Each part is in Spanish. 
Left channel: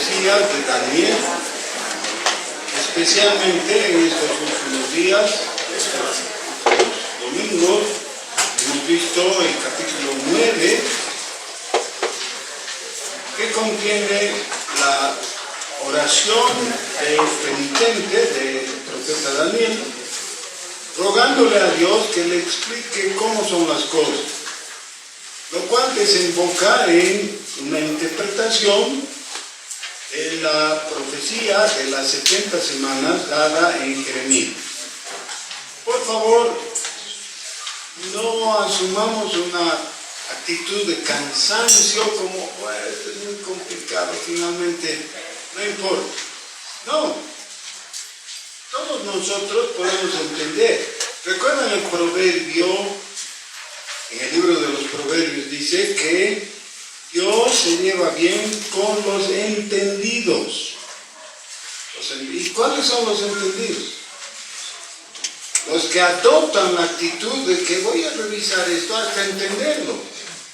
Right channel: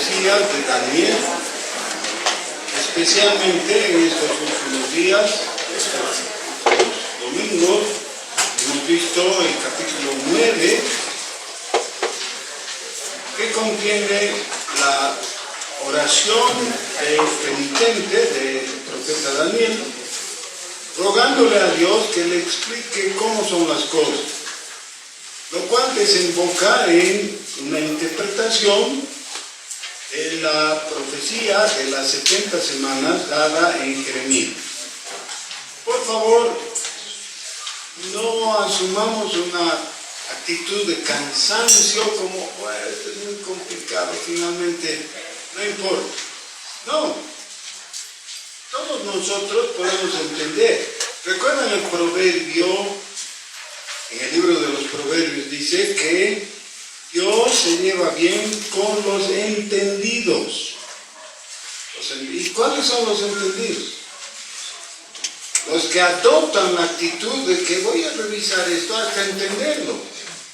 profecías de Daniel, especialmente en estos últimos días, estos domingos. Hemos visto el capítulo 9, que contiene la oración del penitente del profeta Daniel, rogándole a Dios que le explique cómo son las cosas, lo cual desemboca en una interpretación de la profecía de las 70 semanas dada en Jeremías. Por favor, no asumamos una actitud de cansancio como, bueno, esto es muy complicado, finalmente, no importa. No, todos nosotros podemos entender. ¿Recuerdan el proverbio? En el libro de los proverbios dice que Dios se lleva bien con los entendidos. ¿Y cuáles son los entendidos? Los que adoptan la actitud de que voy a revisar esto hasta entenderlo.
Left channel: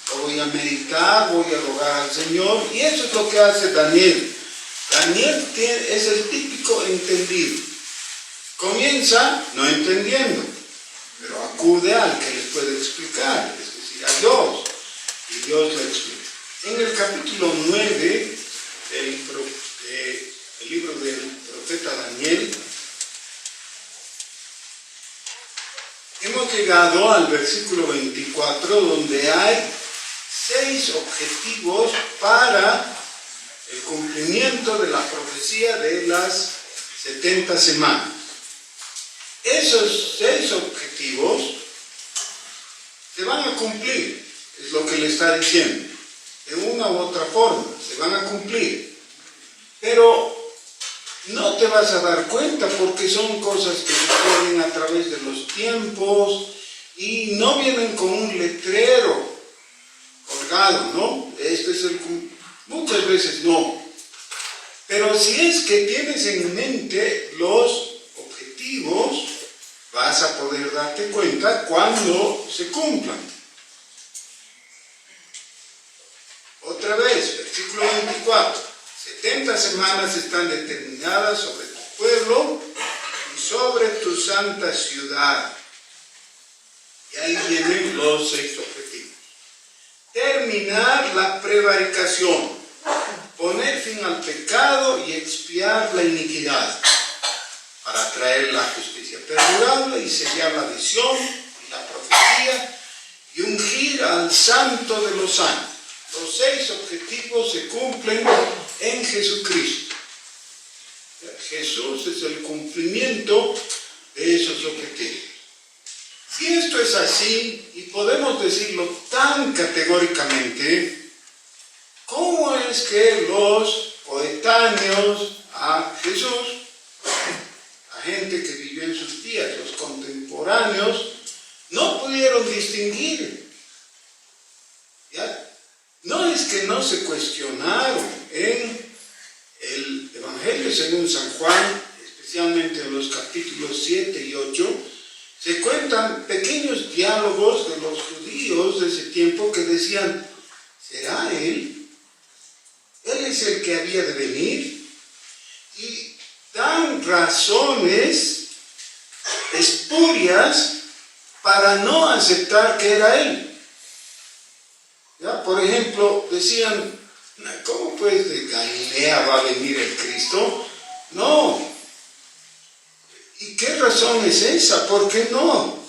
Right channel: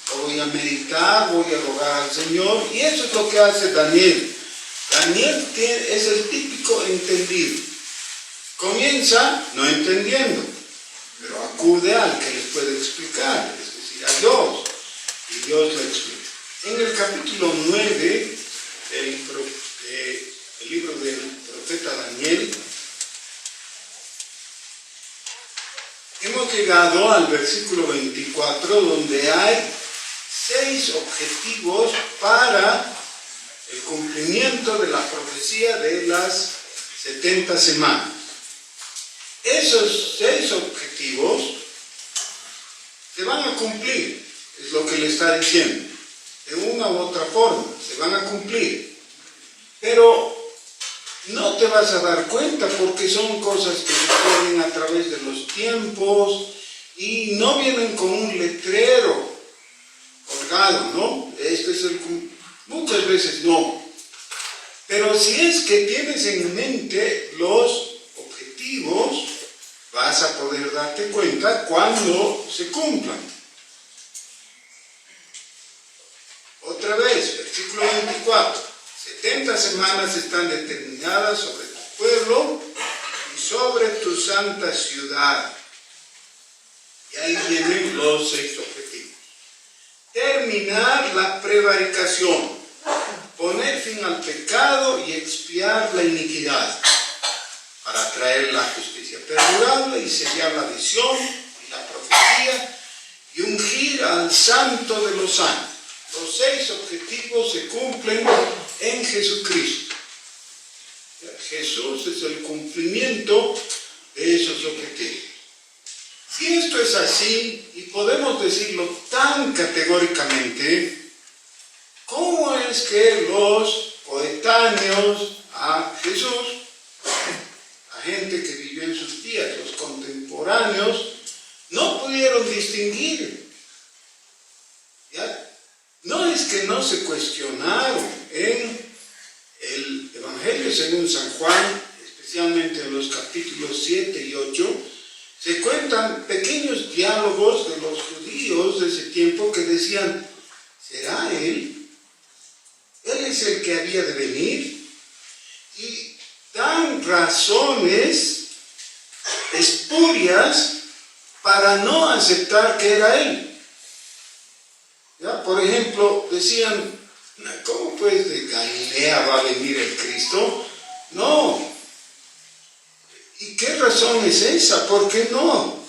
Lo voy a meditar, voy a rogar al Señor, y eso es lo que hace Daniel. Daniel es el típico entendido. Comienza no entendiendo, pero acude al que les puede explicar, es decir, a Dios, y Dios le explica. En el capítulo 9 del libro del profeta Daniel, hemos llegado al versículo 24, donde hay 6 objetivos para el cumplimiento de la profecía de las 70 semanas. Esos 6 objetivos se van a cumplir, es lo que le está diciendo. De una u otra forma, se van a cumplir. Pero no te vas a dar cuenta porque son cosas que suceden a través de los tiempos y no vienen con un letrero colgado, ¿no? Muchas veces no. Pero si es que tienes en mente los objetivos, vas a poder darte cuenta cuando se cumplan. Otra vez, versículo 24. 70 semanas están determinadas sobre tu pueblo y sobre tu santa ciudad. Y ahí vienen los 6 objetivos. Terminar la prevaricación, poner fin al pecado y expiar la iniquidad, para traer la justicia perdurable y sellar la visión y la profecía y ungir al santo de los santos. Los 6 objetivos se cumplen en Jesucristo. Jesús es el cumplimiento de esos objetivos. Si esto es así, y podemos decirlo tan categóricamente, ¿cómo es que los coetáneos a Jesús, la gente que vivió en sus días, los contemporáneos, no pudieron distinguir? ¿Ya? No es que no se cuestionaron. En el Evangelio según San Juan, especialmente en los capítulos 7 y 8, se cuentan pequeños diálogos de los judíos de ese tiempo que decían, ¿será él? ¿Él es el que había de venir? Y dan razones espurias para no aceptar que era él. ¿Ya? Por ejemplo, decían, ¿cómo pues de Galilea va a venir el Cristo? No. ¿Y qué razón es esa? ¿Por qué no?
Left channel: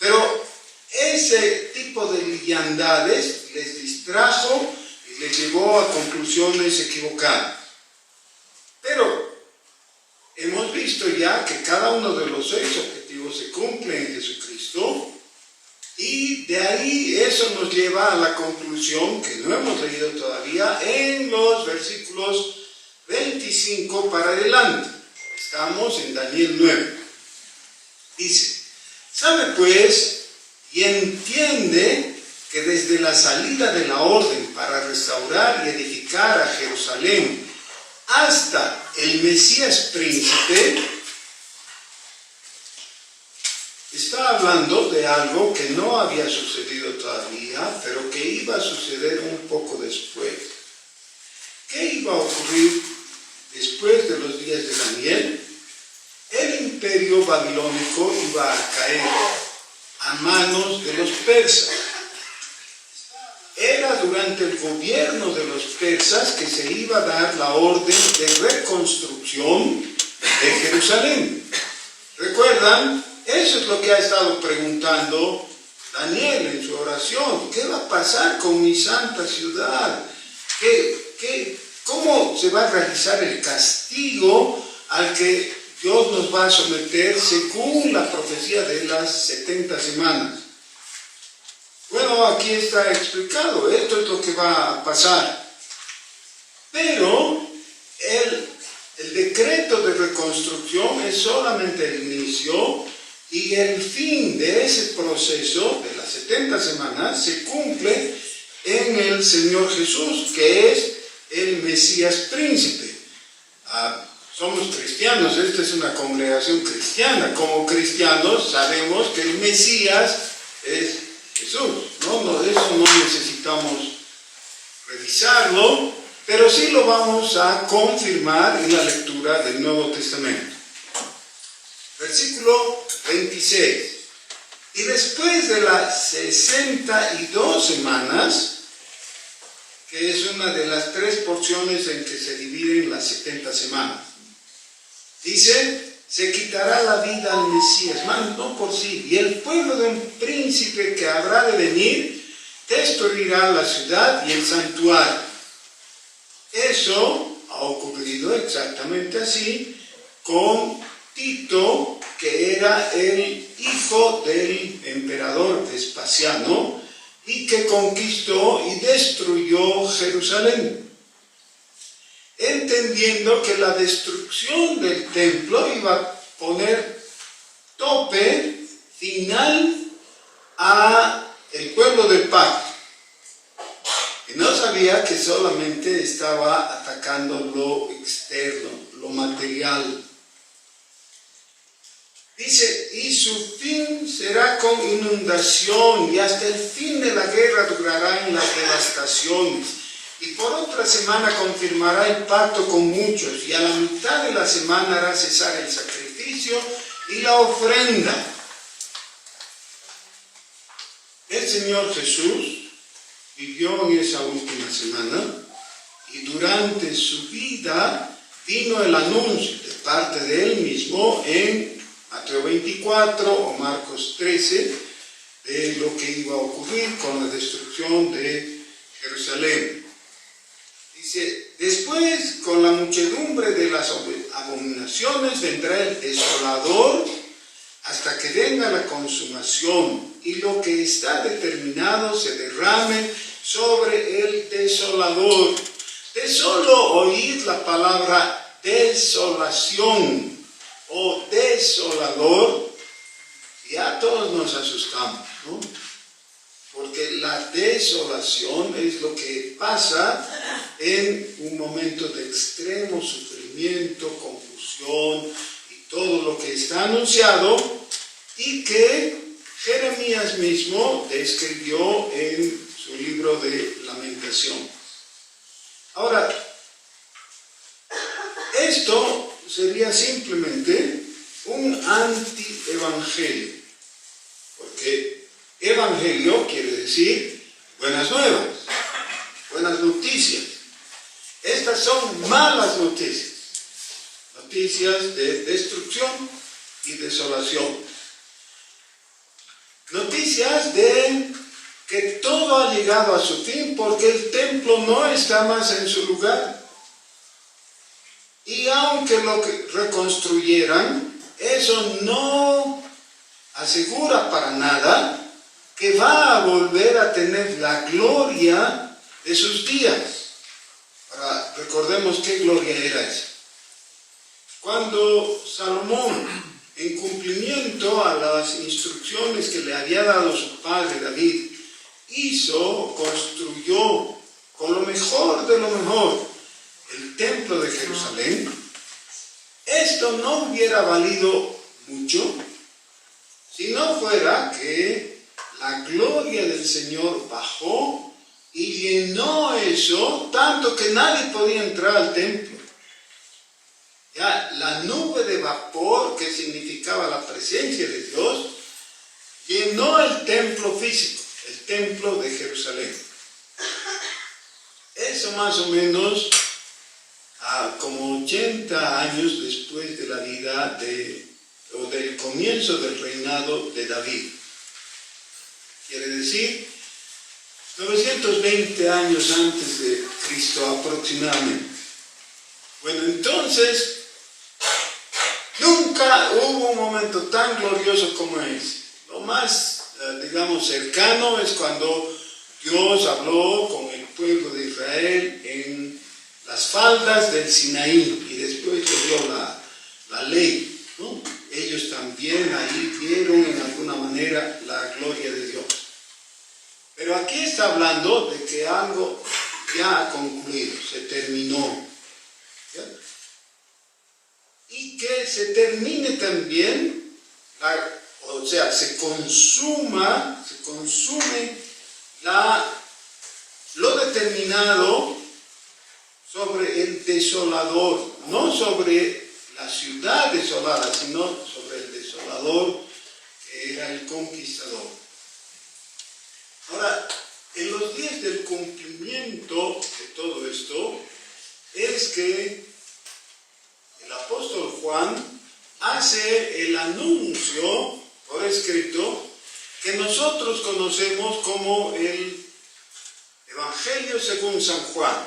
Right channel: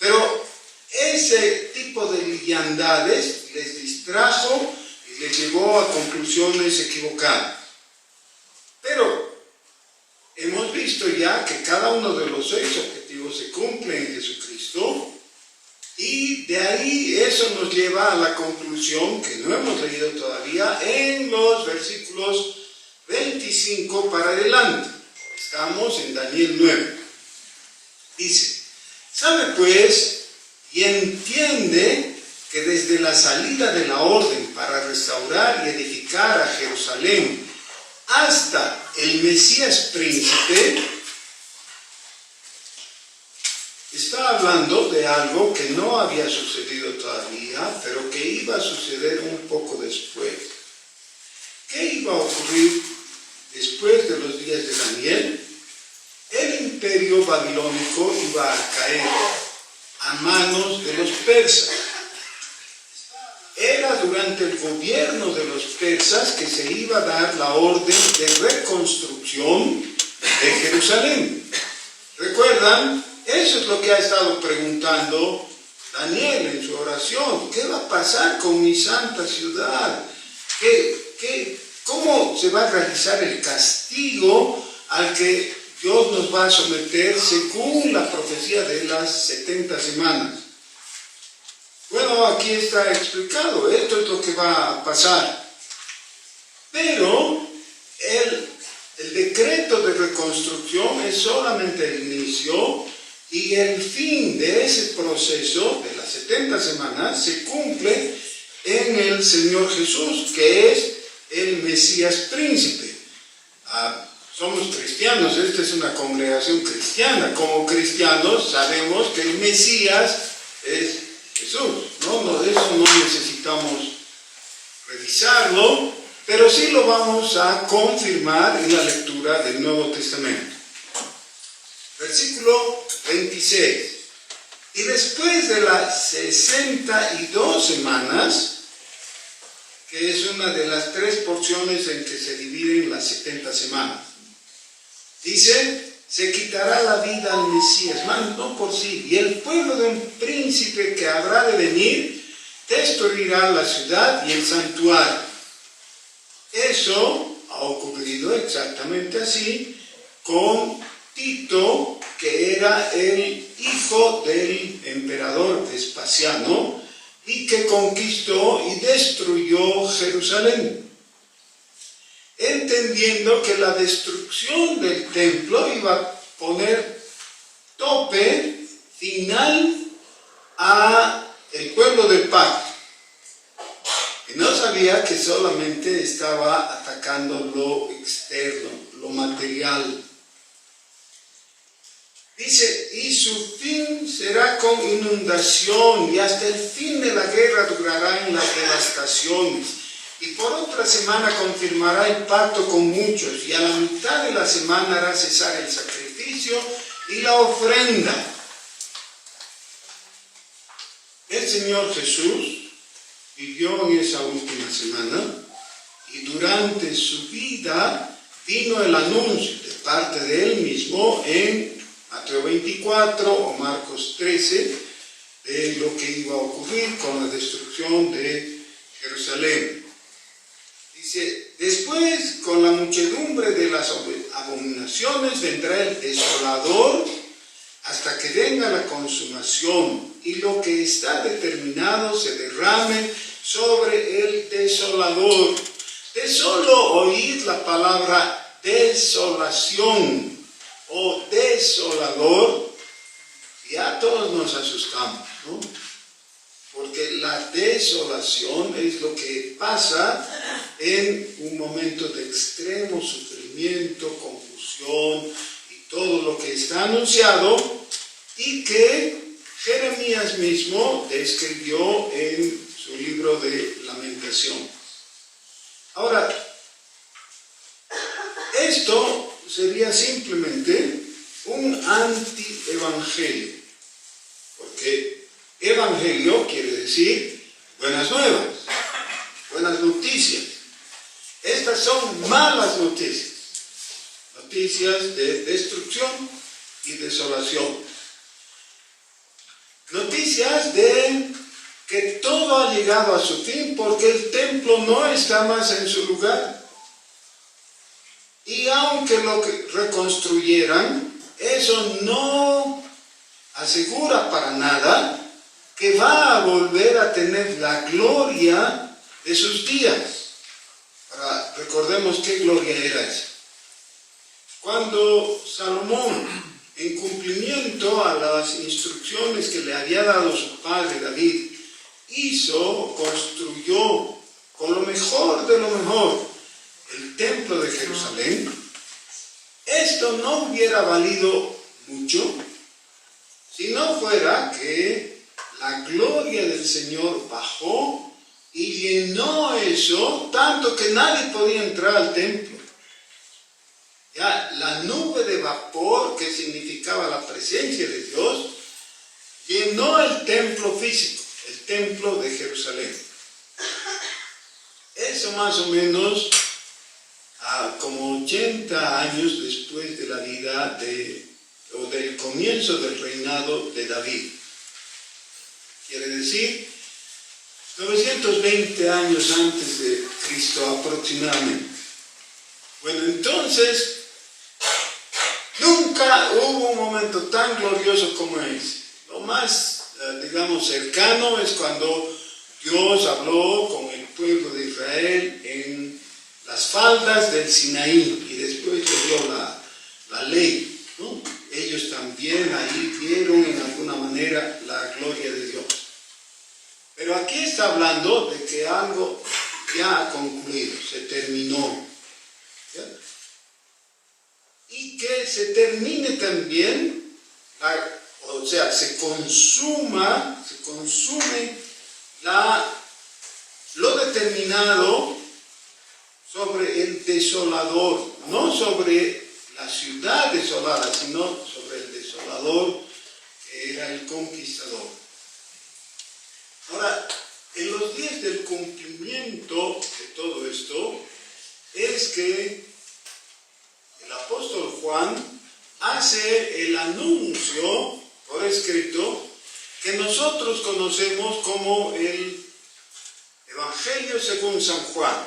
Pero ese tipo de liviandades les distrajo y les llevó a conclusiones equivocadas. Pero hemos visto ya que cada uno de los 6 objetivos se cumple en Jesucristo. Y de ahí eso nos lleva a la conclusión que no hemos leído todavía en los versículos 25 para adelante. Estamos en Daniel 9. Dice, sabe pues y entiende que desde la salida de la orden para restaurar y edificar a Jerusalén hasta el Mesías príncipe, está hablando de algo que no había sucedido todavía, pero que iba a suceder un poco después. ¿qué iba a ocurrir después de los días de Daniel? El imperio babilónico iba a caer a manos de los persas. Era durante el gobierno de los persas que se iba a dar la orden de reconstrucción de Jerusalén. ¿Recuerdan? Eso es lo que ha estado preguntando Daniel en su oración. ¿Qué va a pasar con mi santa ciudad? ¿Cómo se va a realizar el castigo al que Dios nos va a someter según la profecía de las 70 semanas? Bueno, aquí está explicado, esto es lo que va a pasar. Pero el decreto de reconstrucción es solamente el inicio y el fin de ese proceso de las 70 semanas se cumple en el Señor Jesús, que es el Mesías príncipe. Somos cristianos, esta es una congregación cristiana. Como cristianos sabemos que el Mesías es Jesús, ¿no? Eso no necesitamos revisarlo, pero sí lo vamos a confirmar en la lectura del Nuevo Testamento. Versículo 26. Y después de las 62 semanas, que es una de las 3 porciones en que se dividen las 70 semanas, dice: se quitará la vida al Mesías, no por sí, y el pueblo de un príncipe que habrá de venir destruirá la ciudad y el santuario. Eso ha ocurrido exactamente así con Tito, que era el hijo del emperador Vespasiano y que conquistó y destruyó Jerusalén, entendiendo que la destrucción del templo iba a poner tope final a el pueblo del pacto. Y no sabía que solamente estaba atacando lo externo, lo material. Dice: y su fin será con inundación, y hasta el fin de la guerra durarán las devastaciones. Y por otra semana confirmará el pacto con muchos, y a la mitad de la semana hará cesar el sacrificio y la ofrenda. El Señor Jesús vivió en esa última semana, y durante su vida vino el anuncio de parte de él mismo en Mateo 24 o Marcos 13 de lo que iba a ocurrir con la destrucción de Jerusalén. Dice: después, con la muchedumbre de las abominaciones, vendrá el desolador hasta que venga la consumación, y lo que está determinado se derrame sobre el desolador. De solo oír la palabra desolación o desolador, ya todos nos asustamos, ¿no? Porque la desolación es lo que pasa en un momento de extremo sufrimiento, confusión y todo lo que está anunciado, y que Jeremías mismo describió en su libro de Lamentación. Ahora, esto sería simplemente un anti-evangelio, porque evangelio quiere decir buenas nuevas, buenas noticias. Estas son malas noticias, noticias de destrucción y desolación, noticias de que todo ha llegado a su fin porque el templo no está más en su lugar. Y aunque lo que reconstruyeran, eso no asegura para nada que va a volver a tener la gloria de sus días. Ahora, recordemos qué gloria era esa. Cuando Salomón, en cumplimiento a las instrucciones que le había dado su padre David, construyó con lo mejor de lo mejor el templo de Jerusalén, esto no hubiera valido mucho si no fuera que la gloria del Señor bajó y llenó eso tanto que nadie podía entrar al templo. Ya, la nube de vapor, que significaba la presencia de Dios, llenó el templo físico, el templo de Jerusalén. Eso más o menos como 80 años después de la vida o del comienzo del reinado de David. Quiere decir, 920 años antes de Cristo aproximadamente. Bueno, entonces, nunca hubo un momento tan glorioso como ese. Lo más, digamos, cercano es cuando Dios habló con el pueblo de Israel en las faldas del Sinaí y después le dio la ley, ¿no? Ellos también ahí vieron en alguna manera la gloria de Dios. Pero aquí está hablando de que algo ya ha concluido, se terminó. ¿Ya? Y que se termine también, o sea, se consume lo determinado sobre el desolador, no sobre la ciudad desolada, sino sobre el desolador que era el conquistador. Ahora, en los días del cumplimiento de todo esto, es que el apóstol Juan hace el anuncio por escrito que nosotros conocemos como el Evangelio según San Juan,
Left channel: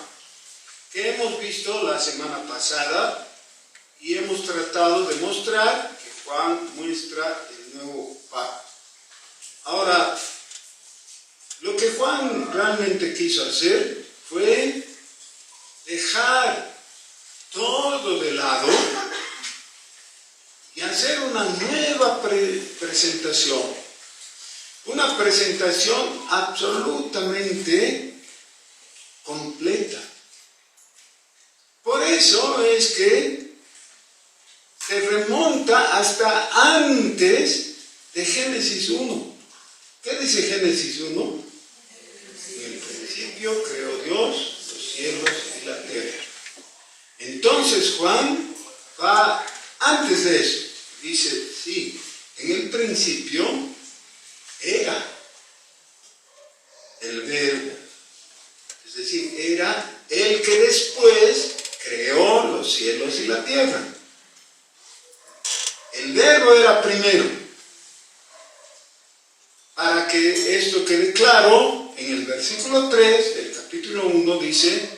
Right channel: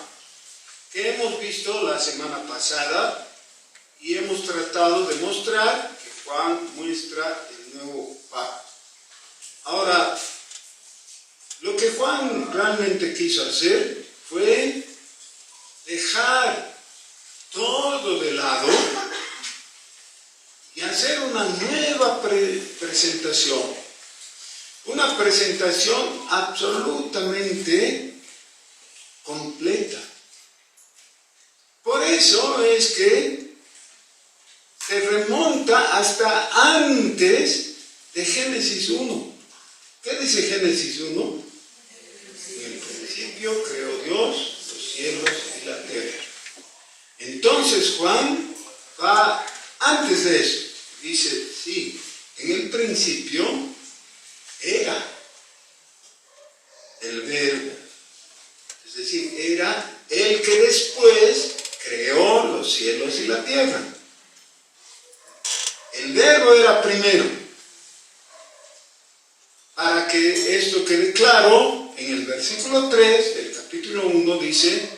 que hemos visto la semana pasada y hemos tratado de mostrar que Juan muestra el nuevo pacto. Ahora, lo que Juan realmente quiso hacer fue dejar todo de lado y hacer una nueva presentación. Una presentación absolutamente completa. Por eso es que se remonta hasta antes de Génesis 1. ¿Qué dice Génesis 1? En el principio creó Dios los cielos y la tierra. Entonces Juan va antes de eso. Dice, sí, en el principio era el Verbo. Es decir, era el que después creó los cielos y la tierra. El Verbo era primero. Para que esto quede claro, en el versículo 3 del capítulo 1 dice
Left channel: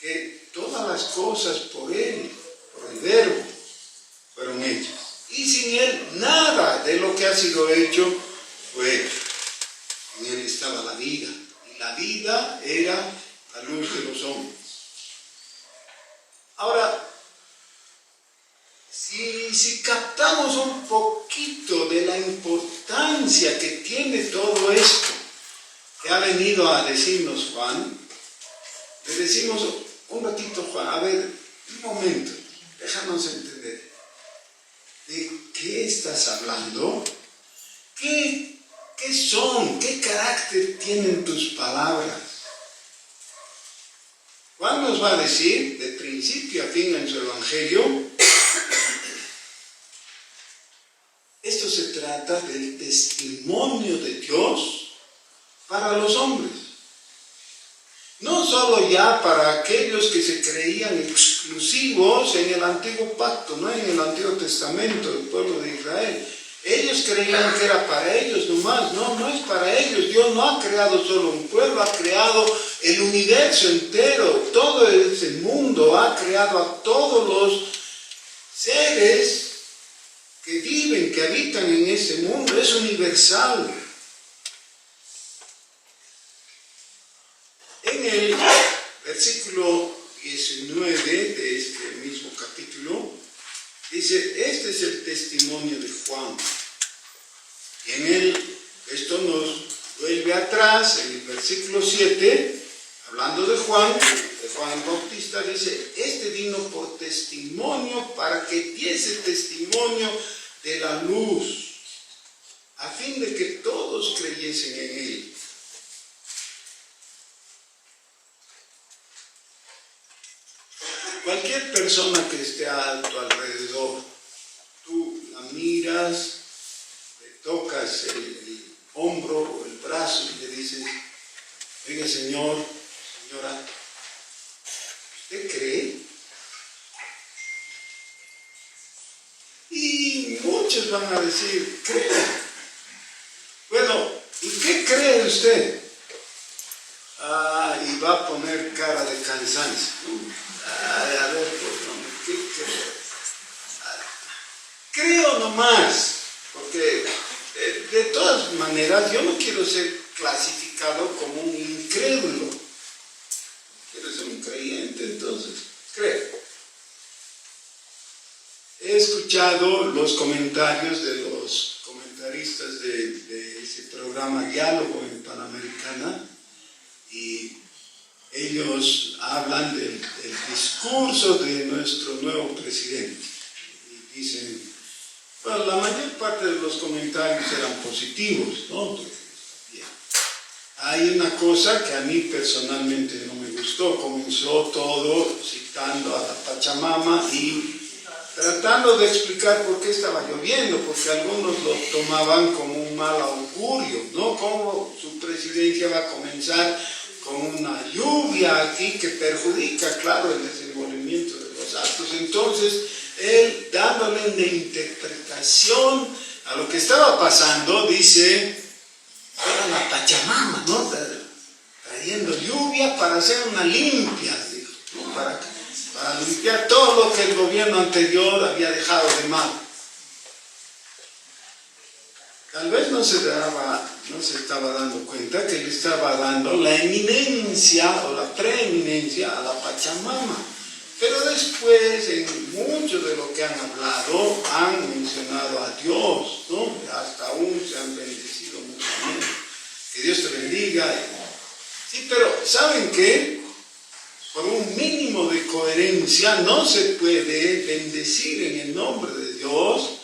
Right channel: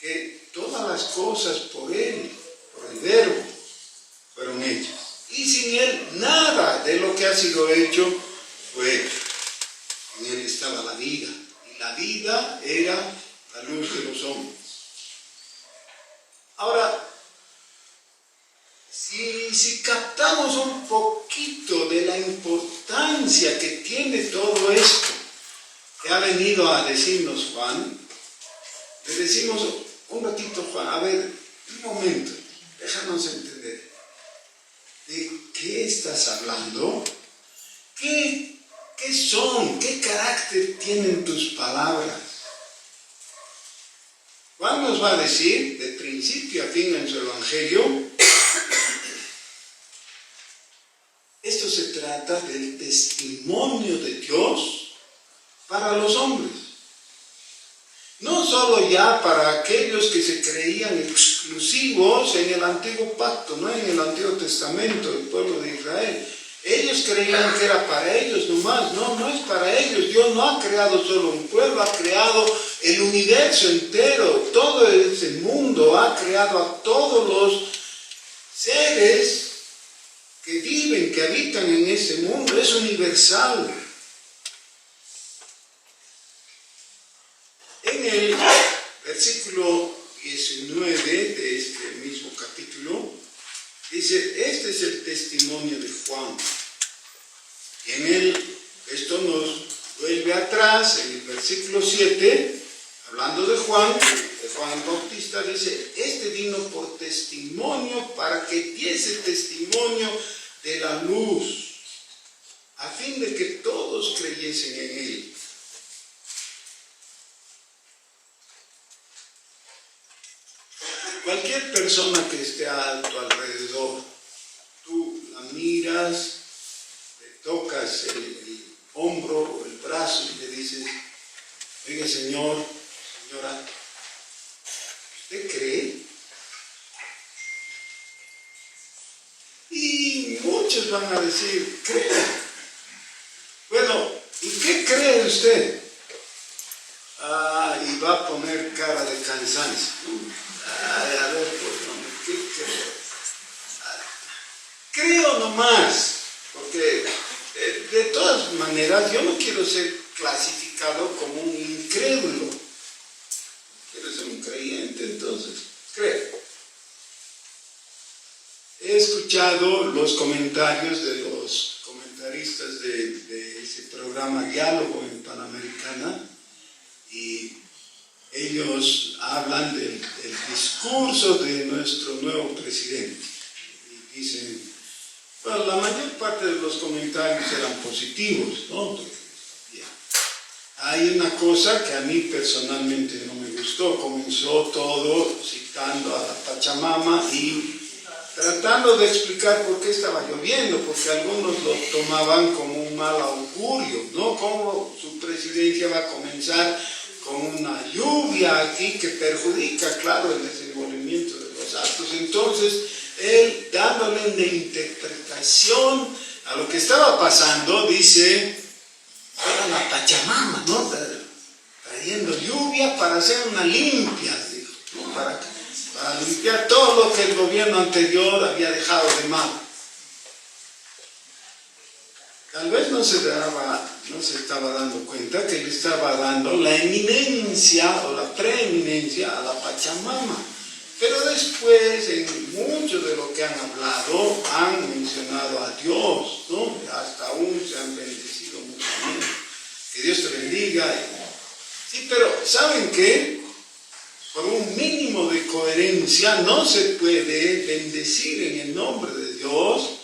que todas las cosas por Él, por el Verbo, fueron hechas. Y sin Él nada de lo que ha sido hecho fue hecho. En Él estaba la vida. Y la vida era la luz de los hombres. Ahora, si captamos un poquito de la importancia que tiene todo esto que ha venido a decirnos Juan, le decimos un ratito, Juan, a ver, un momento, déjanos entender. ¿De qué estás hablando? ¿Qué son? ¿Qué carácter tienen tus palabras? Juan nos va a decir, de principio a fin en su Evangelio, esto se trata del testimonio de Dios para los hombres. No solo ya para aquellos que se creían exclusivos en el Antiguo Pacto, no en el Antiguo Testamento del pueblo de Israel. Ellos creían que era para ellos nomás. No es para ellos. Dios no ha creado solo un pueblo, ha creado el universo entero, todo ese mundo, ha creado a todos los seres que viven, que habitan en ese mundo. Es universal. En el versículo 19 de este mismo capítulo, dice, este es el testimonio de Juan. Y en esto nos vuelve atrás, en el versículo 7, hablando de Juan Bautista, dice, este vino por testimonio para que diese testimonio de la luz, a fin de que todos creyesen en él. cualquier persona que esté a tu alrededor, tú la miras, le tocas el hombro o el brazo y le dices, oiga señor, señora, ¿usted cree? Y muchos van a decir, creo. Bueno, ¿y qué cree usted? Y va a poner cara de cansancio. Ay, a ver, pues, ¿qué creo? Creo nomás, porque de todas maneras yo no quiero ser clasificado como un incrédulo. Quiero ser un creyente, entonces creo. He escuchado los comentarios de los comentaristas de ese programa Diálogo en Panamericana y ellos hablan del discurso de nuestro nuevo presidente y dicen, bueno, la mayor parte de los comentarios eran positivos, ¿no? Bien. Hay una cosa que a mí personalmente no me gustó, comenzó todo citando a la Pachamama y tratando de explicar por qué estaba lloviendo, porque algunos lo tomaban como un mal augurio, ¿no? Cómo su presidencia va a comenzar con una lluvia aquí que perjudica, claro, el desenvolvimiento de los actos. Entonces, él, dándole una interpretación a lo que estaba pasando, dice, era la Pachamama, ¿no? Trayendo lluvia para hacer una limpia, dijo, ¿no? Para limpiar todo lo que el gobierno anterior había dejado de mal. Tal vez no se estaba dando cuenta que le estaba dando la eminencia o la preeminencia a la Pachamama. Pero después, en mucho de lo que han hablado, han mencionado a Dios, ¿no? Hasta aún se han bendecido mutuamente. Que Dios te bendiga. Sí, pero ¿saben qué? Por un mínimo de coherencia no se puede bendecir en el nombre de Dios,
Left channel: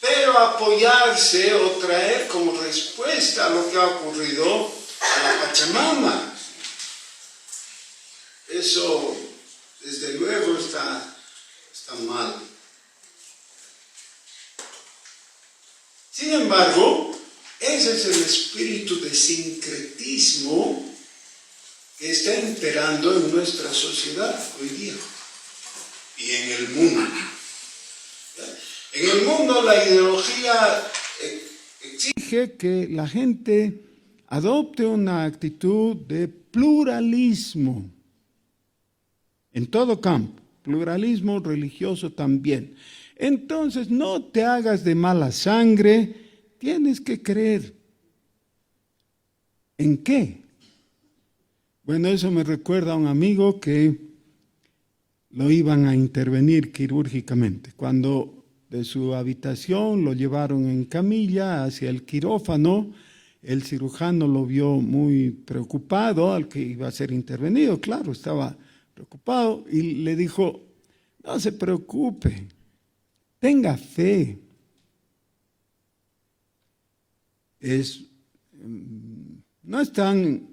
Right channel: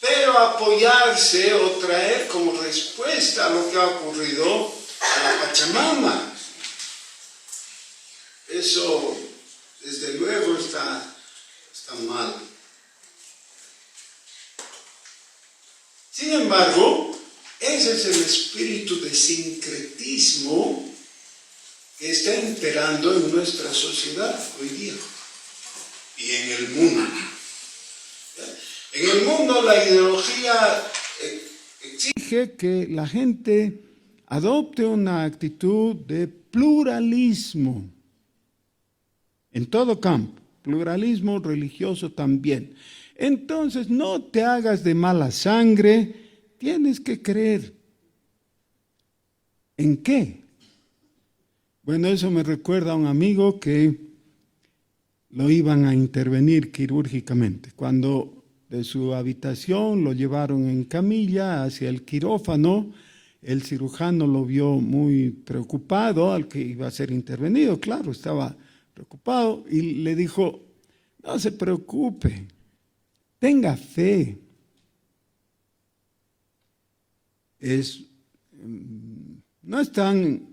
pero apoyarse o traer como respuesta a lo que ha ocurrido a la Pachamama. Eso, desde luego, está mal. Sin embargo, ese es el espíritu de sincretismo que está imperando en nuestra sociedad hoy día y en el mundo. En el mundo la ideología exige que la gente adopte una actitud de pluralismo en todo campo, pluralismo religioso también. Entonces no te hagas de mala sangre, tienes que creer. ¿En qué? Bueno, eso me recuerda a un amigo que lo iban a intervenir quirúrgicamente. Cuando de su habitación lo llevaron en camilla hacia el quirófano, el cirujano lo vio muy preocupado al que iba a ser intervenido. Claro, estaba preocupado y le dijo, no se preocupe, tenga fe. No es tan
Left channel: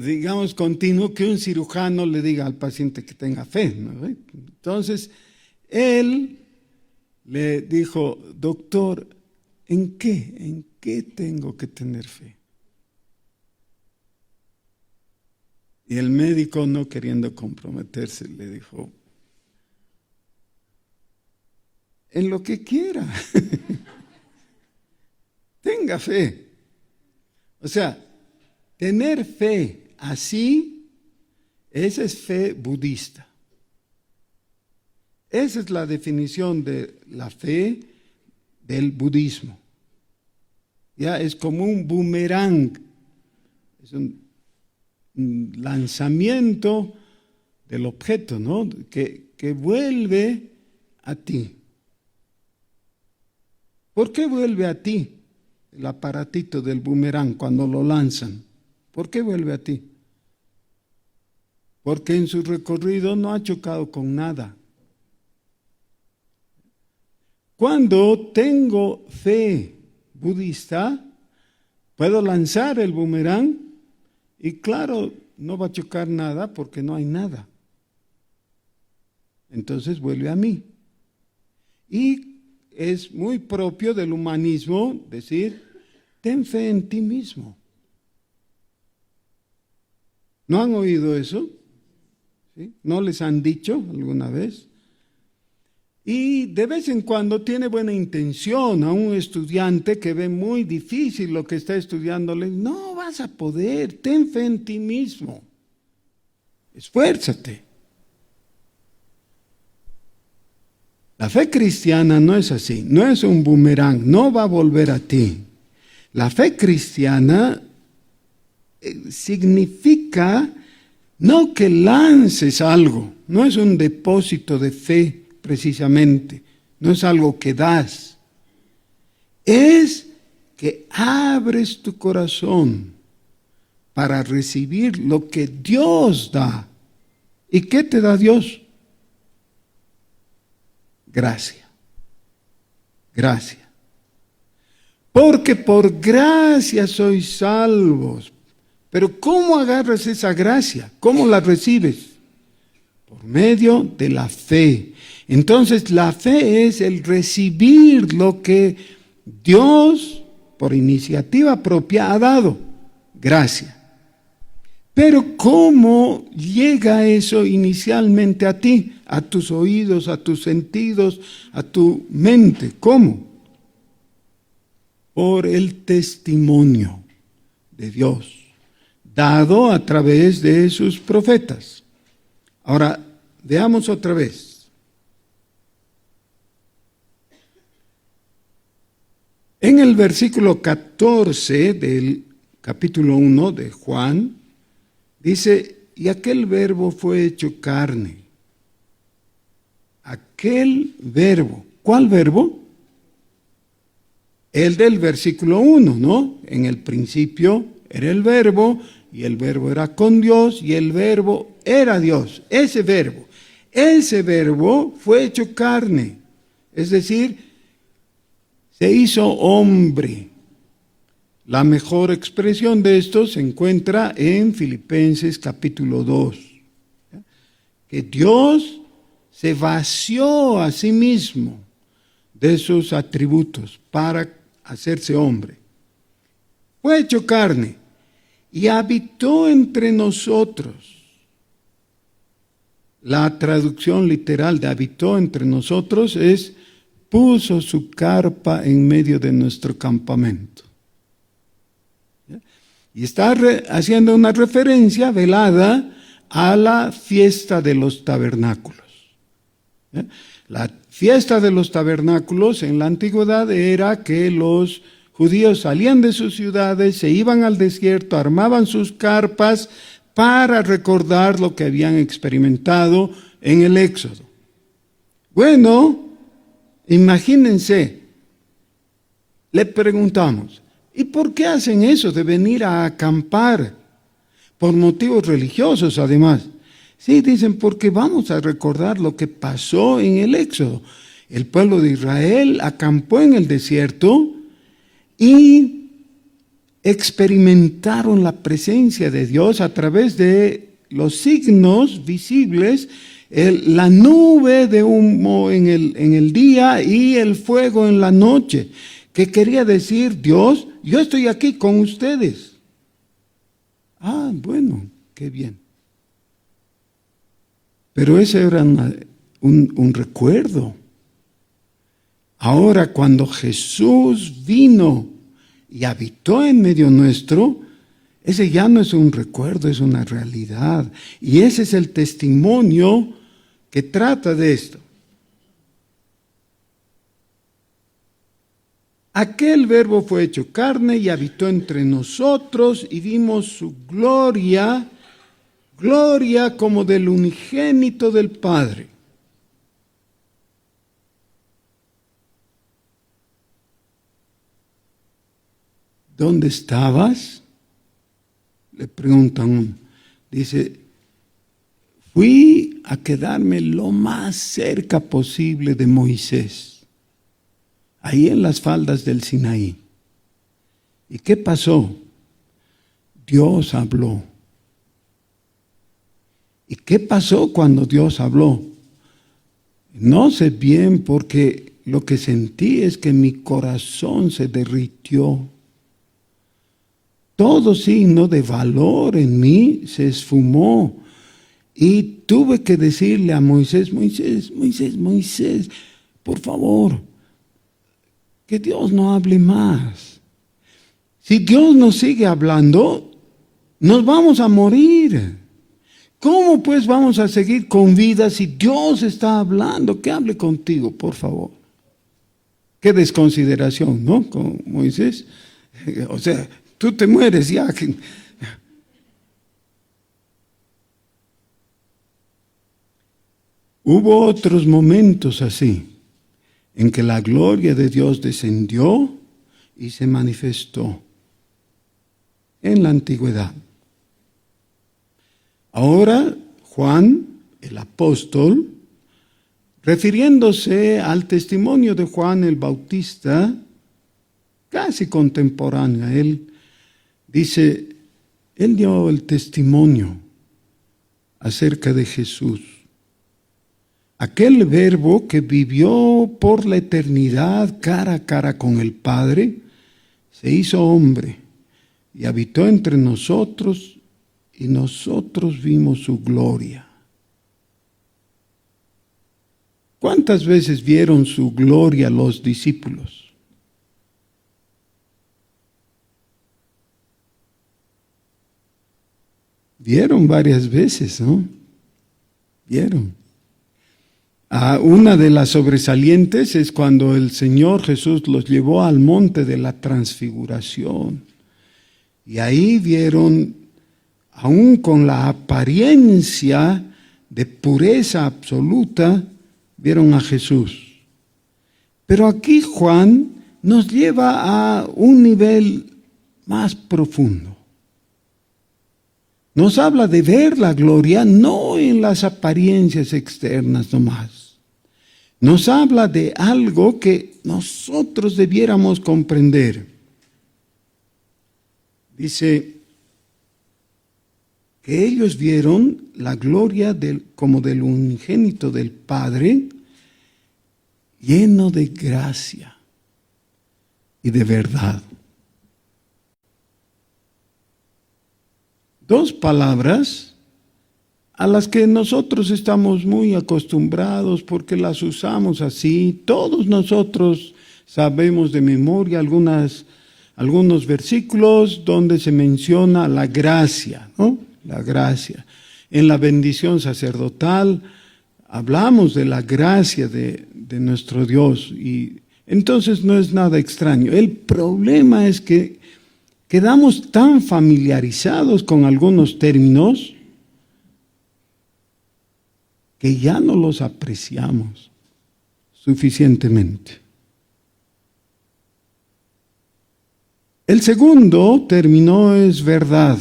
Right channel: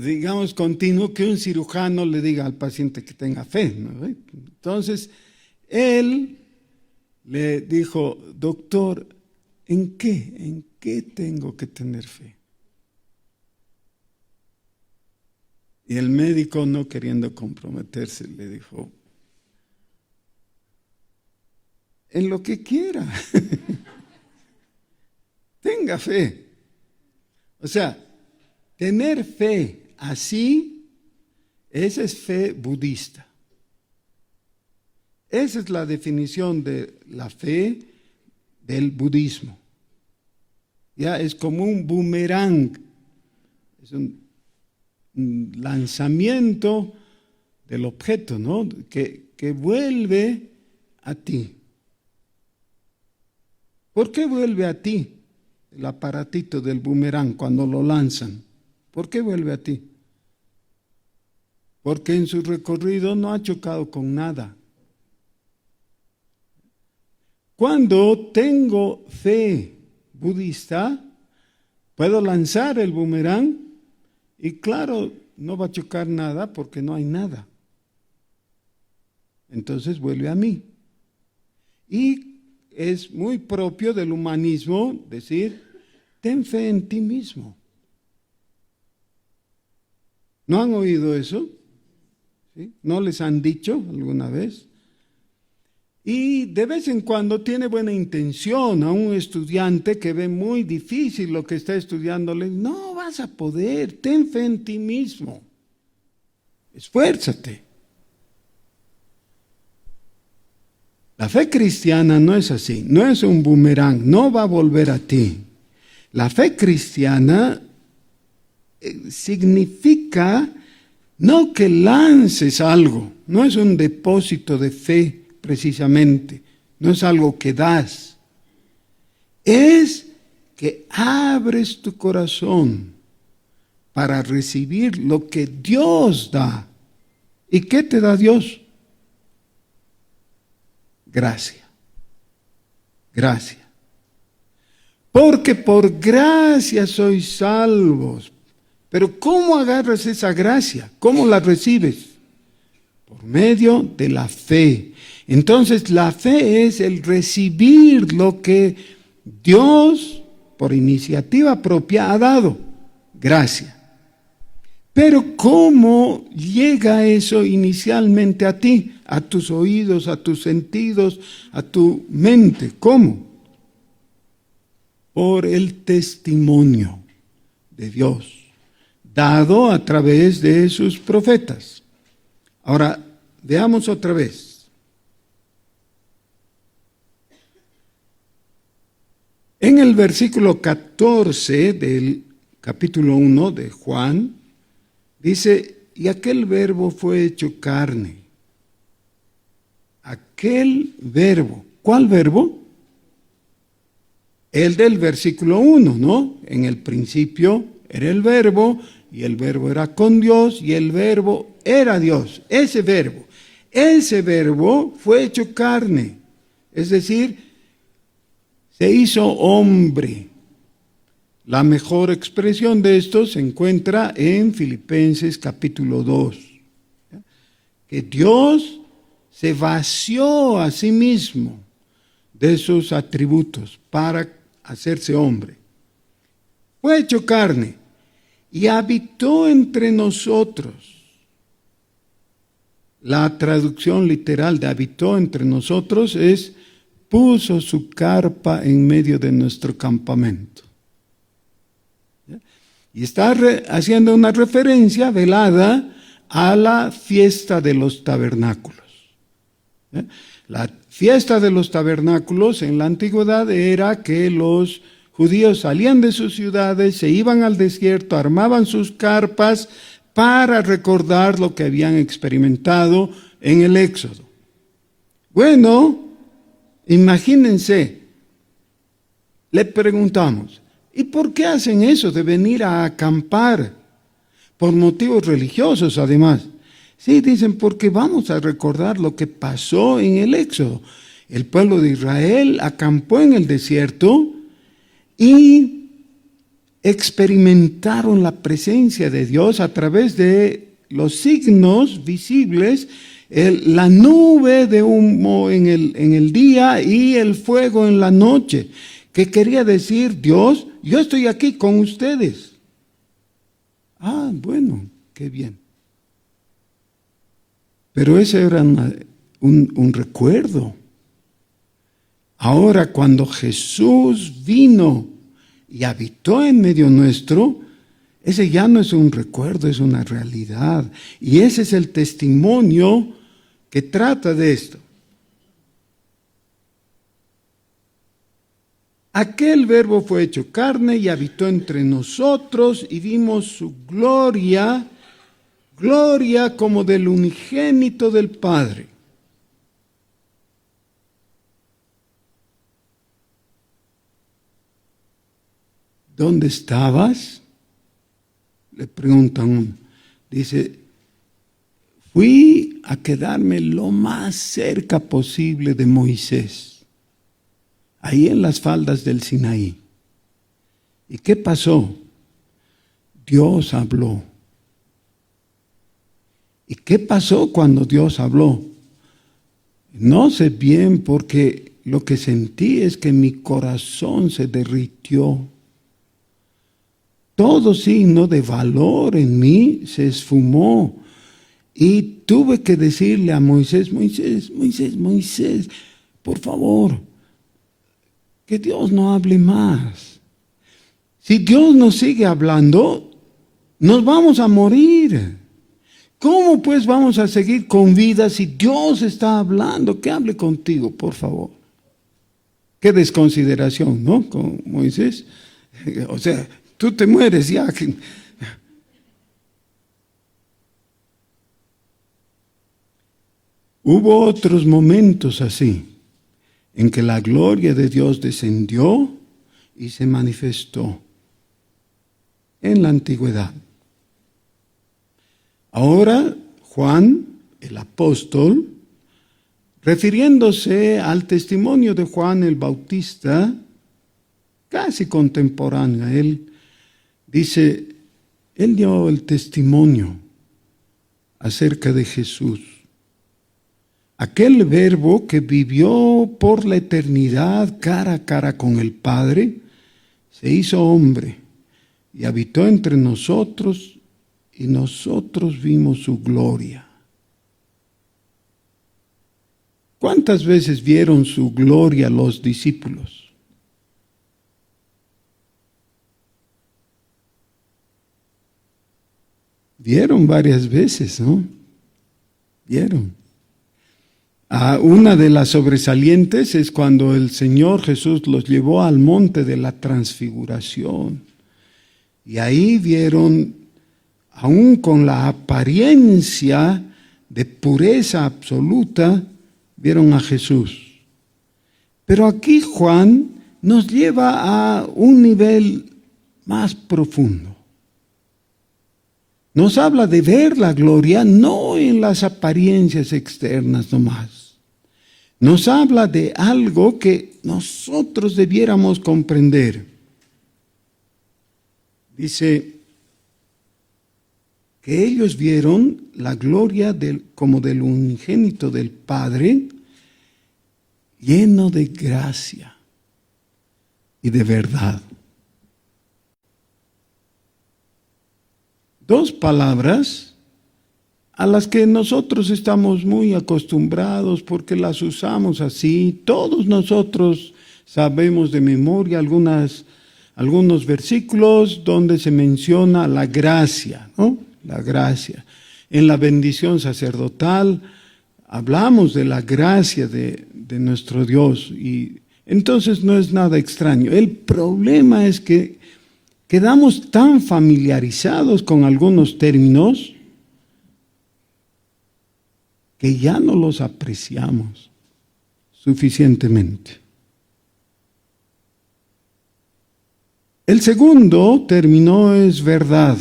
digamos, continuo que un cirujano le diga al paciente que tenga fe, ¿no? Entonces, él le dijo, doctor, ¿en qué? ¿En qué tengo que tener fe? Y el médico, no queriendo comprometerse, le dijo, en lo que quiera. Tenga fe. O sea, tener fe así, esa es fe budista. Esa es la definición de la fe del budismo. Ya es como un boomerang, es un lanzamiento del objeto, ¿no? Que vuelve a ti. ¿Por qué vuelve a ti el aparatito del boomerang cuando lo lanzan? ¿Por qué vuelve a ti? Porque en su recorrido no ha chocado con nada. Cuando tengo fe budista, puedo lanzar el boomerang y claro, no va a chocar nada porque no hay nada. entonces vuelve a mí. Y es muy propio del humanismo decir, ten fe en ti mismo. ¿No han oído eso? ¿Sí? ¿No les han dicho alguna vez? Y de vez en cuando tiene buena intención a un estudiante que ve muy difícil lo que está estudiándole. No vas a poder, ten fe en ti mismo. Esfuérzate. La fe cristiana no es así, no es un boomerang, no va a volver a ti. La fe cristiana significa no que lances algo, no es un depósito de fe precisamente, no es algo que das, es que abres tu corazón para recibir lo que Dios da. ¿Y qué te da Dios? Gracia. Gracia. Porque por gracia sois salvos. Pero ¿cómo agarras esa gracia? ¿Cómo la recibes? Por medio de la fe. Entonces la fe es el recibir lo que Dios, por iniciativa propia, ha dado. Gracia. Pero ¿cómo llega eso inicialmente a ti, a tus oídos, a tus sentidos, a tu mente? ¿Cómo? Por el testimonio de Dios, dado a través de sus profetas. Ahora, veamos otra vez. En el versículo 14 del capítulo 1 de Juan, dice, y aquel verbo fue hecho carne. Aquel verbo. ¿Cuál verbo? El del versículo 1, ¿no? En el principio era el verbo, y el verbo era con Dios, y el verbo era Dios. Ese verbo fue hecho carne. Es decir, se hizo hombre. La mejor expresión de esto se encuentra en Filipenses capítulo 2. Que Dios se vació a sí mismo de sus atributos para hacerse hombre. Fue hecho carne y habitó entre nosotros. La traducción literal de habitó entre nosotros es puso su carpa en medio de nuestro campamento. Y está haciendo una referencia velada a la fiesta de los tabernáculos. La fiesta de los tabernáculos en la antigüedad era que los judíos salían de sus ciudades, se iban al desierto, armaban sus carpas para recordar lo que habían experimentado en el Éxodo. Bueno, imagínense, le preguntamos, ¿y por qué hacen eso de venir a acampar? Por motivos religiosos, además. Sí, dicen, porque vamos a recordar lo que pasó en el Éxodo. El pueblo de Israel acampó en el desierto y experimentaron la presencia de Dios a través de los signos visibles, la nube de humo en el día y el fuego en la noche, que quería decir, Dios, yo estoy aquí con ustedes. Ah, bueno, qué bien. Pero ese era un recuerdo. Ahora, cuando Jesús vino y habitó en medio nuestro, ese ya no es un recuerdo, es una realidad. Y ese es el testimonio que trata de esto. Aquel verbo fue hecho carne y habitó entre nosotros y vimos su gloria, gloria como del unigénito del Padre. ¿Dónde estabas? Le preguntan. Dice, fui a quedarme lo más cerca posible de Moisés, ahí en las faldas del Sinaí. ¿Y qué pasó? Dios habló. ¿Y qué pasó cuando Dios habló? No sé bien porque lo que sentí es que mi corazón se derritió. Todo signo de valor en mí se esfumó. Y tuve que decirle a Moisés, Moisés, por favor, que Dios no hable más. Si Dios nos sigue hablando, nos vamos a morir. ¿Cómo pues vamos a seguir con vida si Dios está hablando? Que hable contigo, por favor. Qué desconsideración, ¿no? Con Moisés. O sea, tú te mueres ya. Hubo otros momentos así, en que la gloria de Dios descendió y se manifestó en la antigüedad. Ahora, Juan, el apóstol, refiriéndose al testimonio de Juan el Bautista, casi contemporáneo a él, dice, él dio el testimonio acerca de Jesús. Aquel verbo que vivió por la eternidad cara a cara con el Padre, se hizo hombre y habitó entre nosotros y nosotros vimos su gloria. ¿Cuántas veces vieron su gloria los discípulos? Vieron varias veces, ¿no? Vieron. Una de las sobresalientes es cuando el Señor Jesús los llevó al monte de la transfiguración. Y ahí vieron, aún con la apariencia de pureza absoluta, vieron a Jesús. Pero aquí Juan nos lleva a un nivel más profundo. Nos habla de ver la gloria no en las apariencias externas nomás. Nos habla de algo que nosotros debiéramos comprender. Dice que ellos vieron la gloria como del unigénito del Padre, lleno de gracia y de verdad. Dos palabras a las que nosotros estamos muy acostumbrados porque las usamos así. Todos nosotros sabemos de memoria algunos versículos donde se menciona la gracia, ¿no? La gracia. En la bendición sacerdotal hablamos de la gracia de nuestro Dios y entonces no es nada extraño. El problema es que quedamos tan familiarizados con algunos términos que ya no los apreciamos suficientemente. El segundo término es verdad.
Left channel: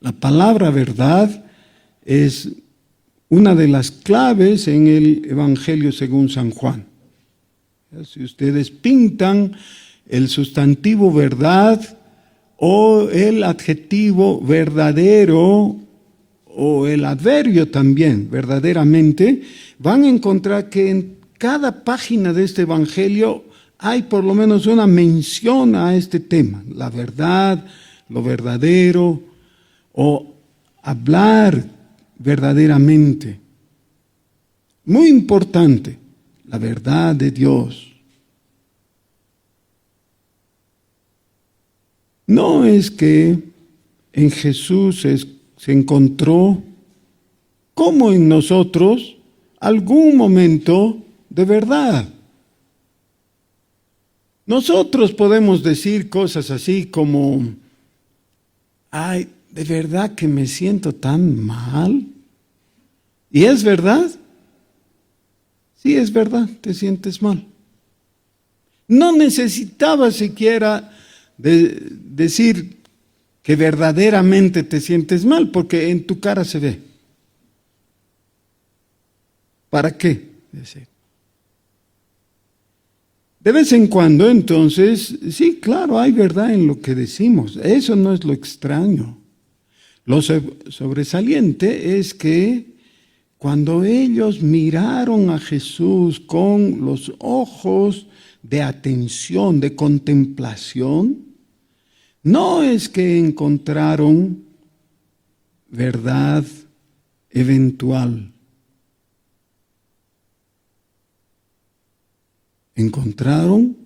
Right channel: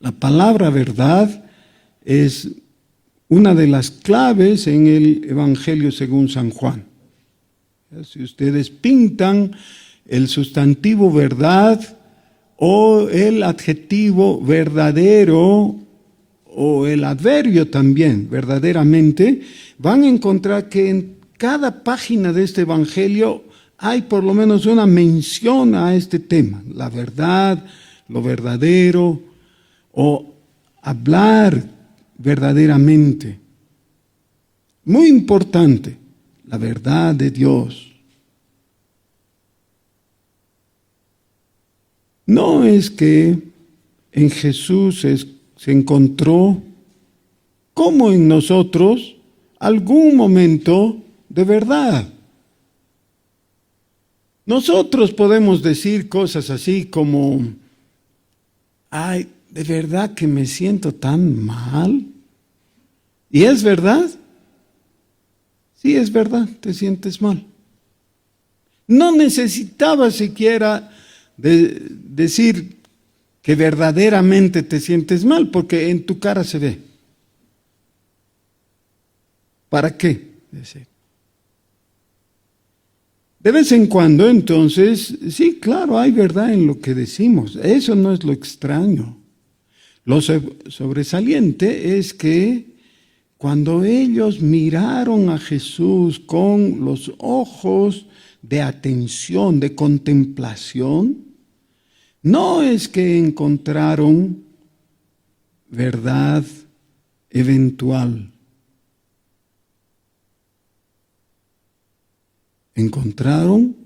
La palabra verdad es una de las claves en el Evangelio según San Juan. Si ustedes pintan el sustantivo verdad o el adjetivo verdadero o el adverbio también, verdaderamente, van a encontrar que en cada página de este Evangelio hay por lo menos una mención a este tema, la verdad, lo verdadero, o hablar verdaderamente. Muy importante, la verdad de Dios. No es que en Jesús se encontró, como en nosotros, algún momento de verdad. Nosotros podemos decir cosas así como, ay, ¿de verdad que me siento tan mal? ¿Y es verdad? Sí, es verdad, te sientes mal. No necesitaba siquiera decir que verdaderamente te sientes mal, porque en tu cara se ve. ¿Para qué? De vez en cuando, entonces, sí, claro, hay verdad en lo que decimos. Eso no es lo extraño. Lo sobresaliente es que cuando ellos miraron a Jesús con los ojos de atención, de contemplación, no es que encontraron verdad eventual. Encontraron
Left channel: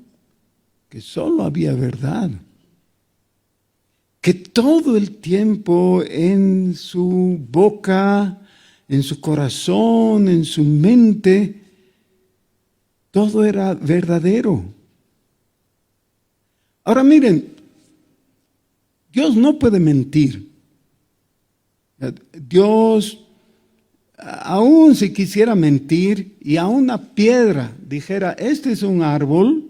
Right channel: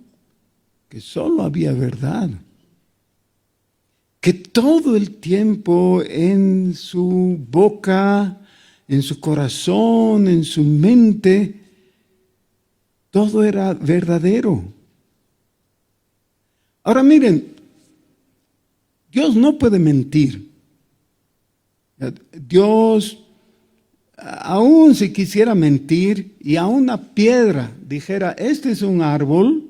que solo había verdad, que todo el tiempo en su boca, en su corazón, en su mente, todo era verdadero. Ahora miren, Dios no puede mentir. Dios, aun si quisiera mentir y a una piedra dijera, este es un árbol,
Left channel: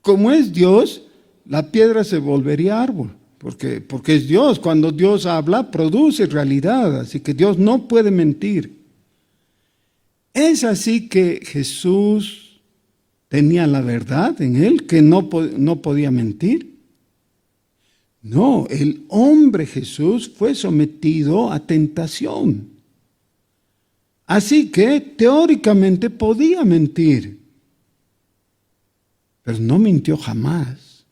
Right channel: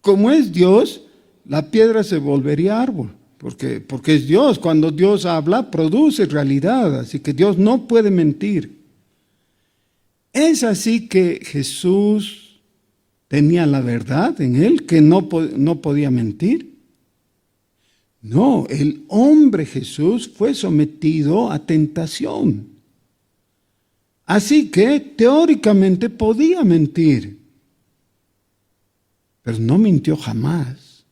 como es Dios, la piedra se volvería árbol, porque es Dios. Cuando Dios habla, produce realidad, así que Dios no puede mentir. Es así que Jesús tenía la verdad en él, que no podía mentir. No, el hombre Jesús fue sometido a tentación. Así que teóricamente podía mentir, pero no mintió jamás.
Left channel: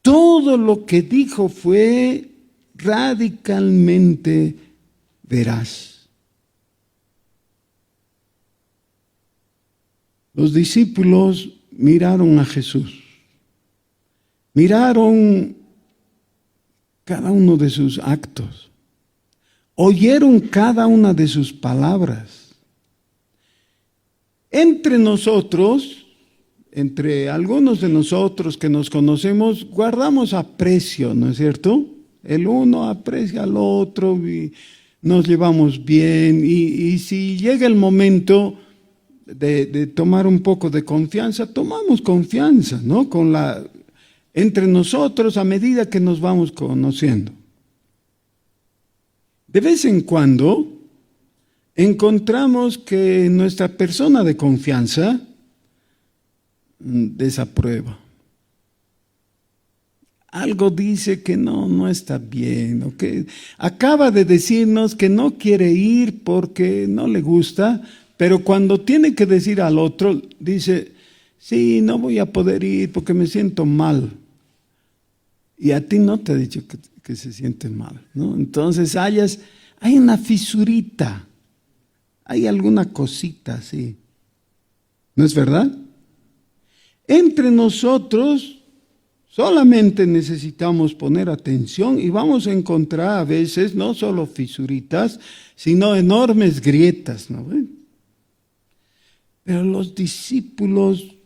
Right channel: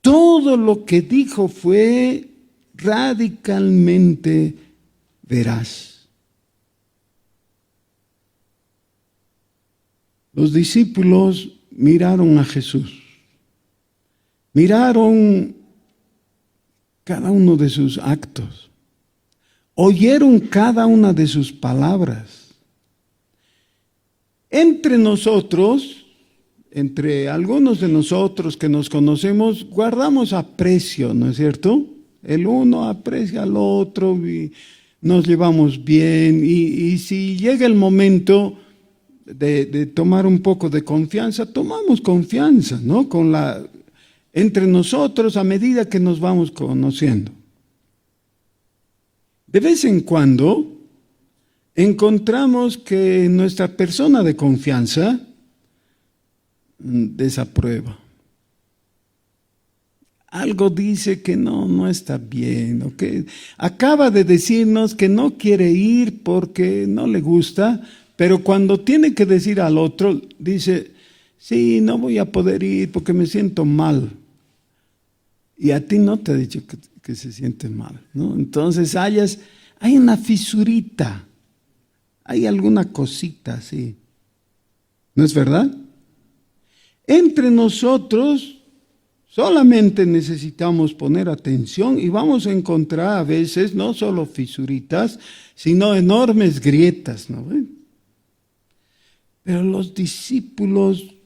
Todo lo que dijo fue radicalmente veraz. Los discípulos miraron a Jesús, miraron cada uno de sus actos, oyeron cada una de sus palabras. Entre nosotros, entre algunos de nosotros que nos conocemos, guardamos aprecio, ¿no es cierto? El uno aprecia al otro y nos llevamos bien. Y si llega el momento de tomar un poco de confianza, tomamos confianza, ¿no? Entre nosotros a medida que nos vamos conociendo. De vez en cuando encontramos que nuestra persona de confianza desaprueba. Algo dice que no está bien, o que acaba de decirnos que no quiere ir porque no le gusta, pero cuando tiene que decir al otro, dice, sí, no voy a poder ir porque me siento mal. Y a ti no te ha dicho que se siente mal, ¿no? Entonces hay una fisurita, hay alguna cosita así. ¿No es verdad? Entre nosotros solamente necesitamos poner atención y vamos a encontrar a veces no solo fisuritas, sino enormes grietas, ¿no ven? Pero los discípulos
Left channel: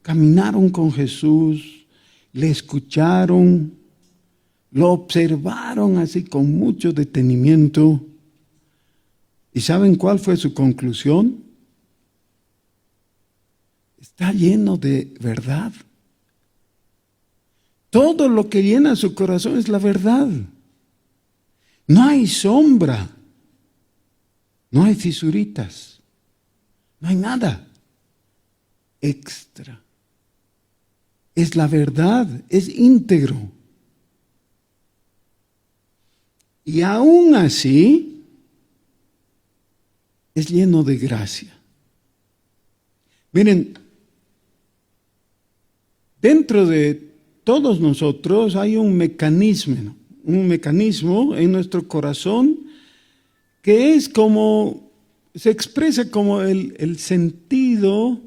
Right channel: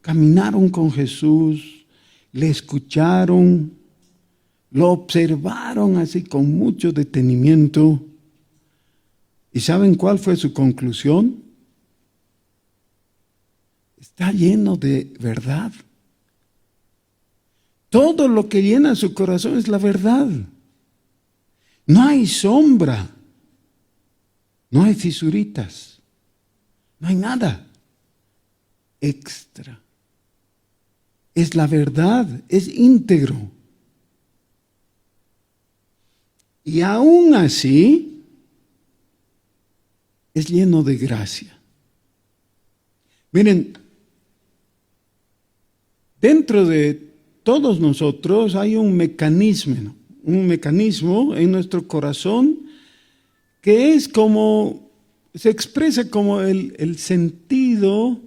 caminaron con Jesús, le escucharon, lo observaron así con mucho detenimiento. ¿Y saben cuál fue su conclusión? Está lleno de verdad. Todo lo que llena su corazón es la verdad. No hay sombra, no hay fisuritas, no hay nada extra. Es la verdad, es íntegro. Y aún así, es lleno de gracia. Miren, dentro de todos nosotros hay un mecanismo en nuestro corazón que es como, se expresa como el sentido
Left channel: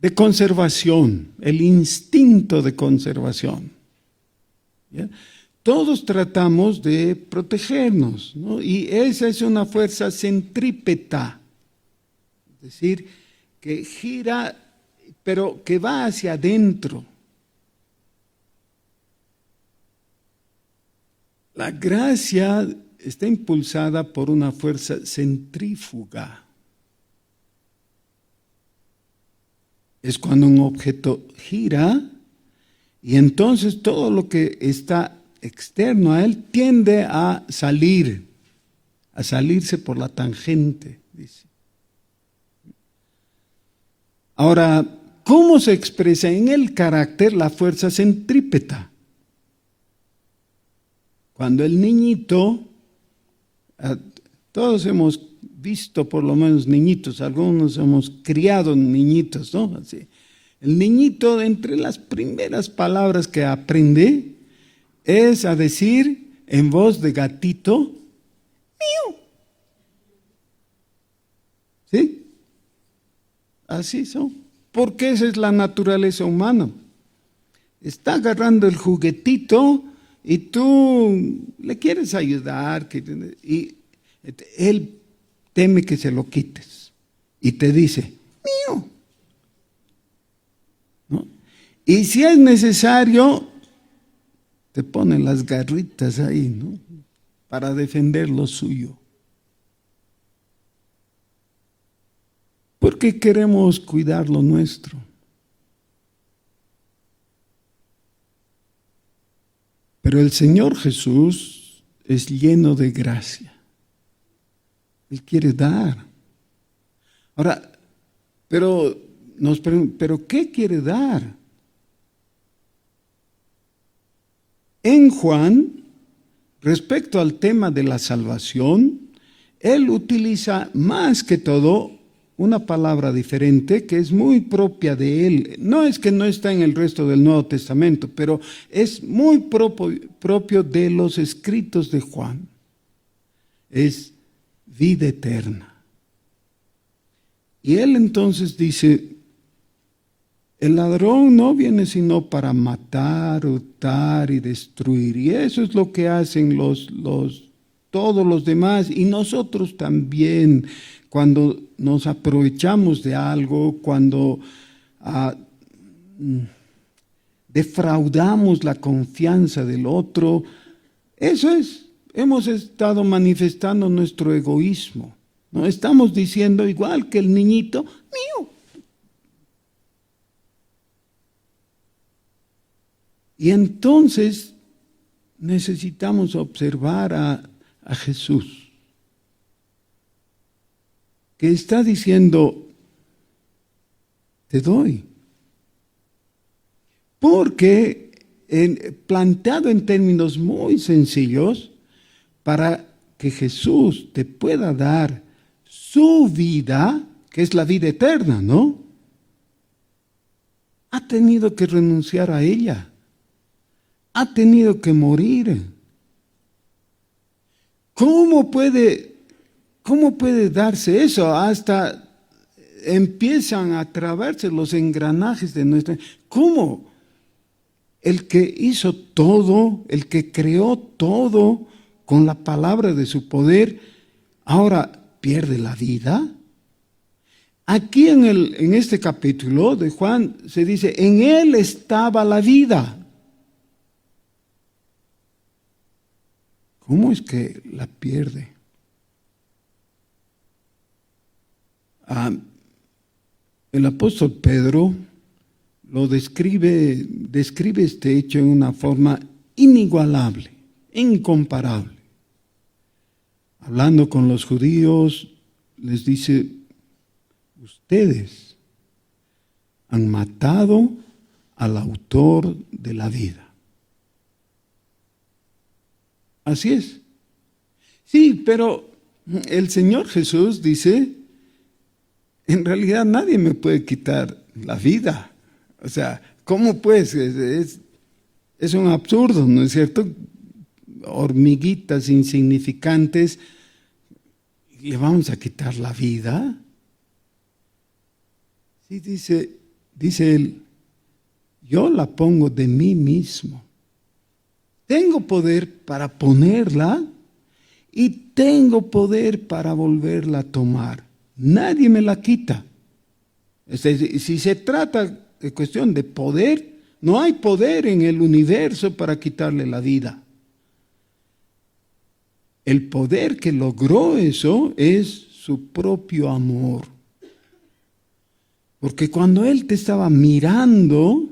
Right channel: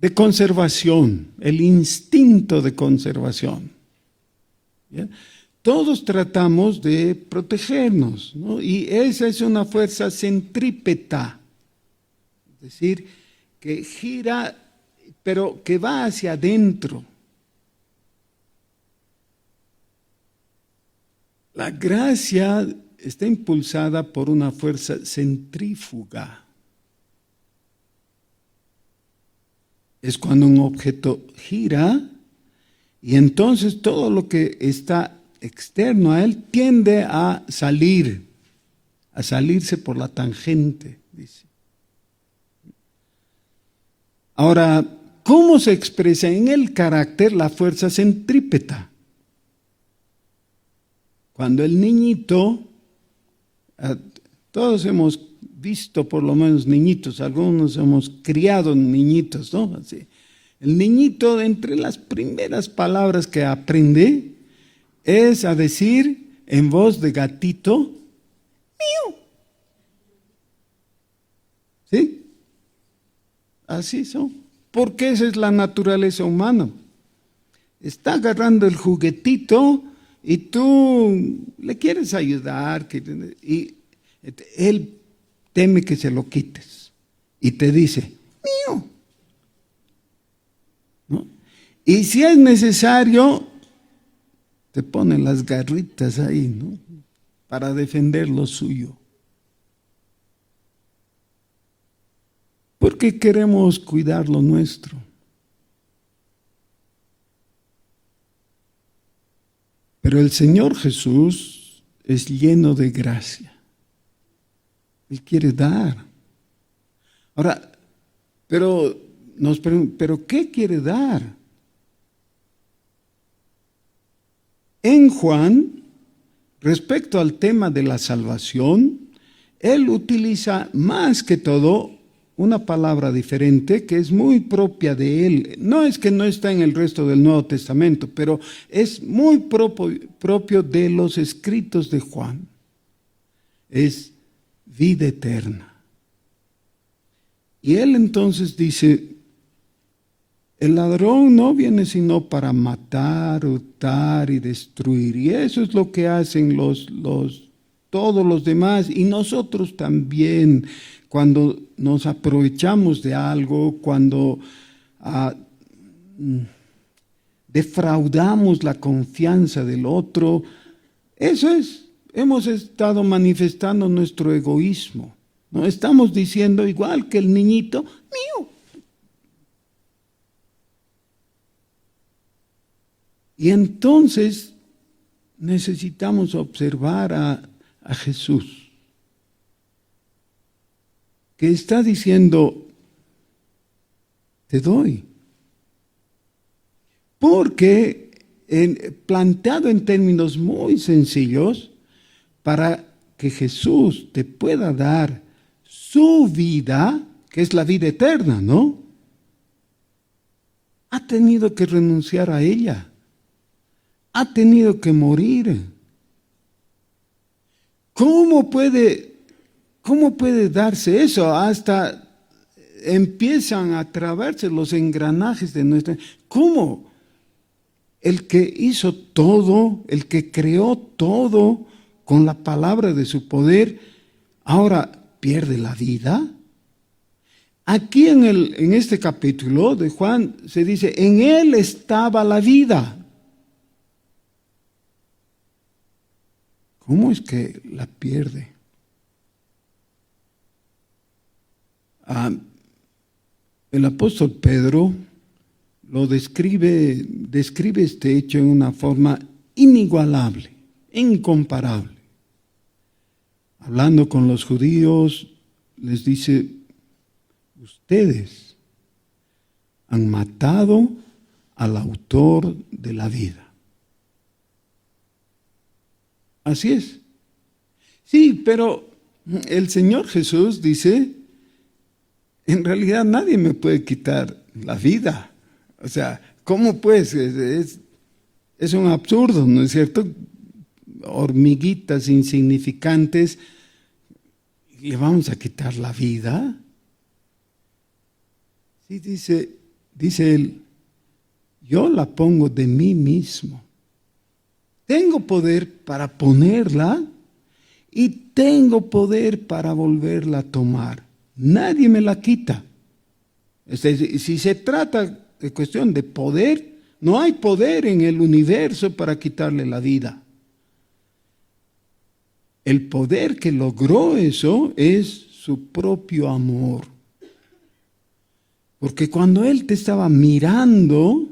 de conservación, el instinto de conservación. ¿Ya? Todos tratamos de protegernos, ¿no? Y esa es una fuerza centrípeta, es decir, que gira, pero que va hacia adentro. La gracia está impulsada por una fuerza centrífuga. Es cuando un objeto gira y entonces todo lo que está externo a él tiende a salirse por la tangente, dice. Ahora, ¿cómo se expresa en el carácter la fuerza centrípeta? Cuando el niñito Todos hemos visto por lo menos niñitos, algunos hemos criado niñitos, ¿no? Así. El niñito, entre las primeras palabras que aprende, es a decir en voz de gatito, mío. ¿Sí? Así son. Porque esa es la naturaleza humana. Está agarrando el juguetito y tú le quieres ayudar y él teme que se lo quites y te dice, mío. ¿No? Y si es necesario, te ponen las garritas ahí, ¿no? Para defender lo suyo. Porque queremos cuidar lo nuestro. Pero el Señor Jesús es lleno de gracia. Él quiere dar. Ahora, pero nos preguntan, ¿pero qué quiere dar? En Juan, respecto al tema de la salvación, él utiliza más que todo una palabra diferente que es muy propia de él. No es que no está en el resto del Nuevo Testamento, pero es muy propio de los escritos de Juan. Es vida eterna. Y él entonces dice, el ladrón no viene sino para matar, hurtar y destruir. Y eso es lo que hacen todos los demás y nosotros también. Cuando nos aprovechamos de algo, cuando defraudamos la confianza del otro, eso es, hemos estado manifestando nuestro egoísmo, ¿no? Estamos diciendo igual que el niñito, mío. Y entonces necesitamos observar a Jesús, que está diciendo, te doy. Porque planteado en términos muy sencillos, para que Jesús te pueda dar su vida, que es la vida eterna, ¿no? Ha tenido que renunciar a ella. Ha tenido que morir. ¿Cómo puede darse eso? Hasta empiezan a trabarse los engranajes de nuestra... ¿Cómo? El que hizo todo, el que creó todo con la palabra de su poder, ahora pierde la vida. Aquí en este capítulo de Juan se dice, en él estaba la vida. ¿Cómo es que la pierde? El apóstol Pedro lo describe este hecho en una forma inigualable, incomparable. Hablando con los judíos, les dice, ustedes han matado al autor de la vida. Así es. Sí, pero el Señor Jesús dice, en realidad nadie me puede quitar la vida. O sea, ¿cómo pues? Es un absurdo, ¿no es cierto? Hormiguitas insignificantes, ¿le vamos a quitar la vida? Sí, dice él, yo la pongo de mí mismo. Tengo poder para ponerla y tengo poder para volverla a tomar. Nadie me la quita. Si se trata de cuestión de poder, no hay poder en el universo para quitarle la vida. El poder que logró eso es su propio amor. Porque cuando Él te estaba mirando,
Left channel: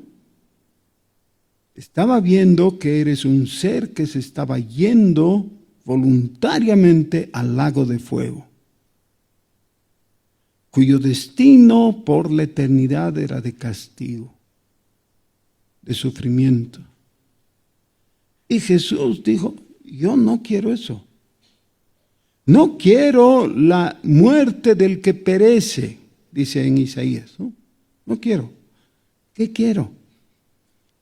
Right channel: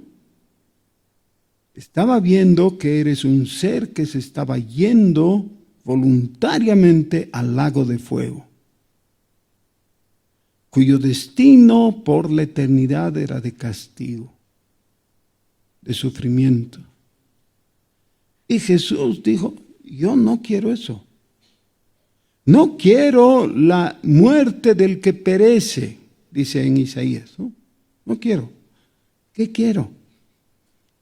estaba viendo que eres un ser que se estaba yendo voluntariamente al lago de fuego, cuyo destino por la eternidad era de castigo, de sufrimiento. Y Jesús dijo, yo no quiero eso. No quiero la muerte del que perece, dice en Isaías. No quiero. ¿Qué quiero?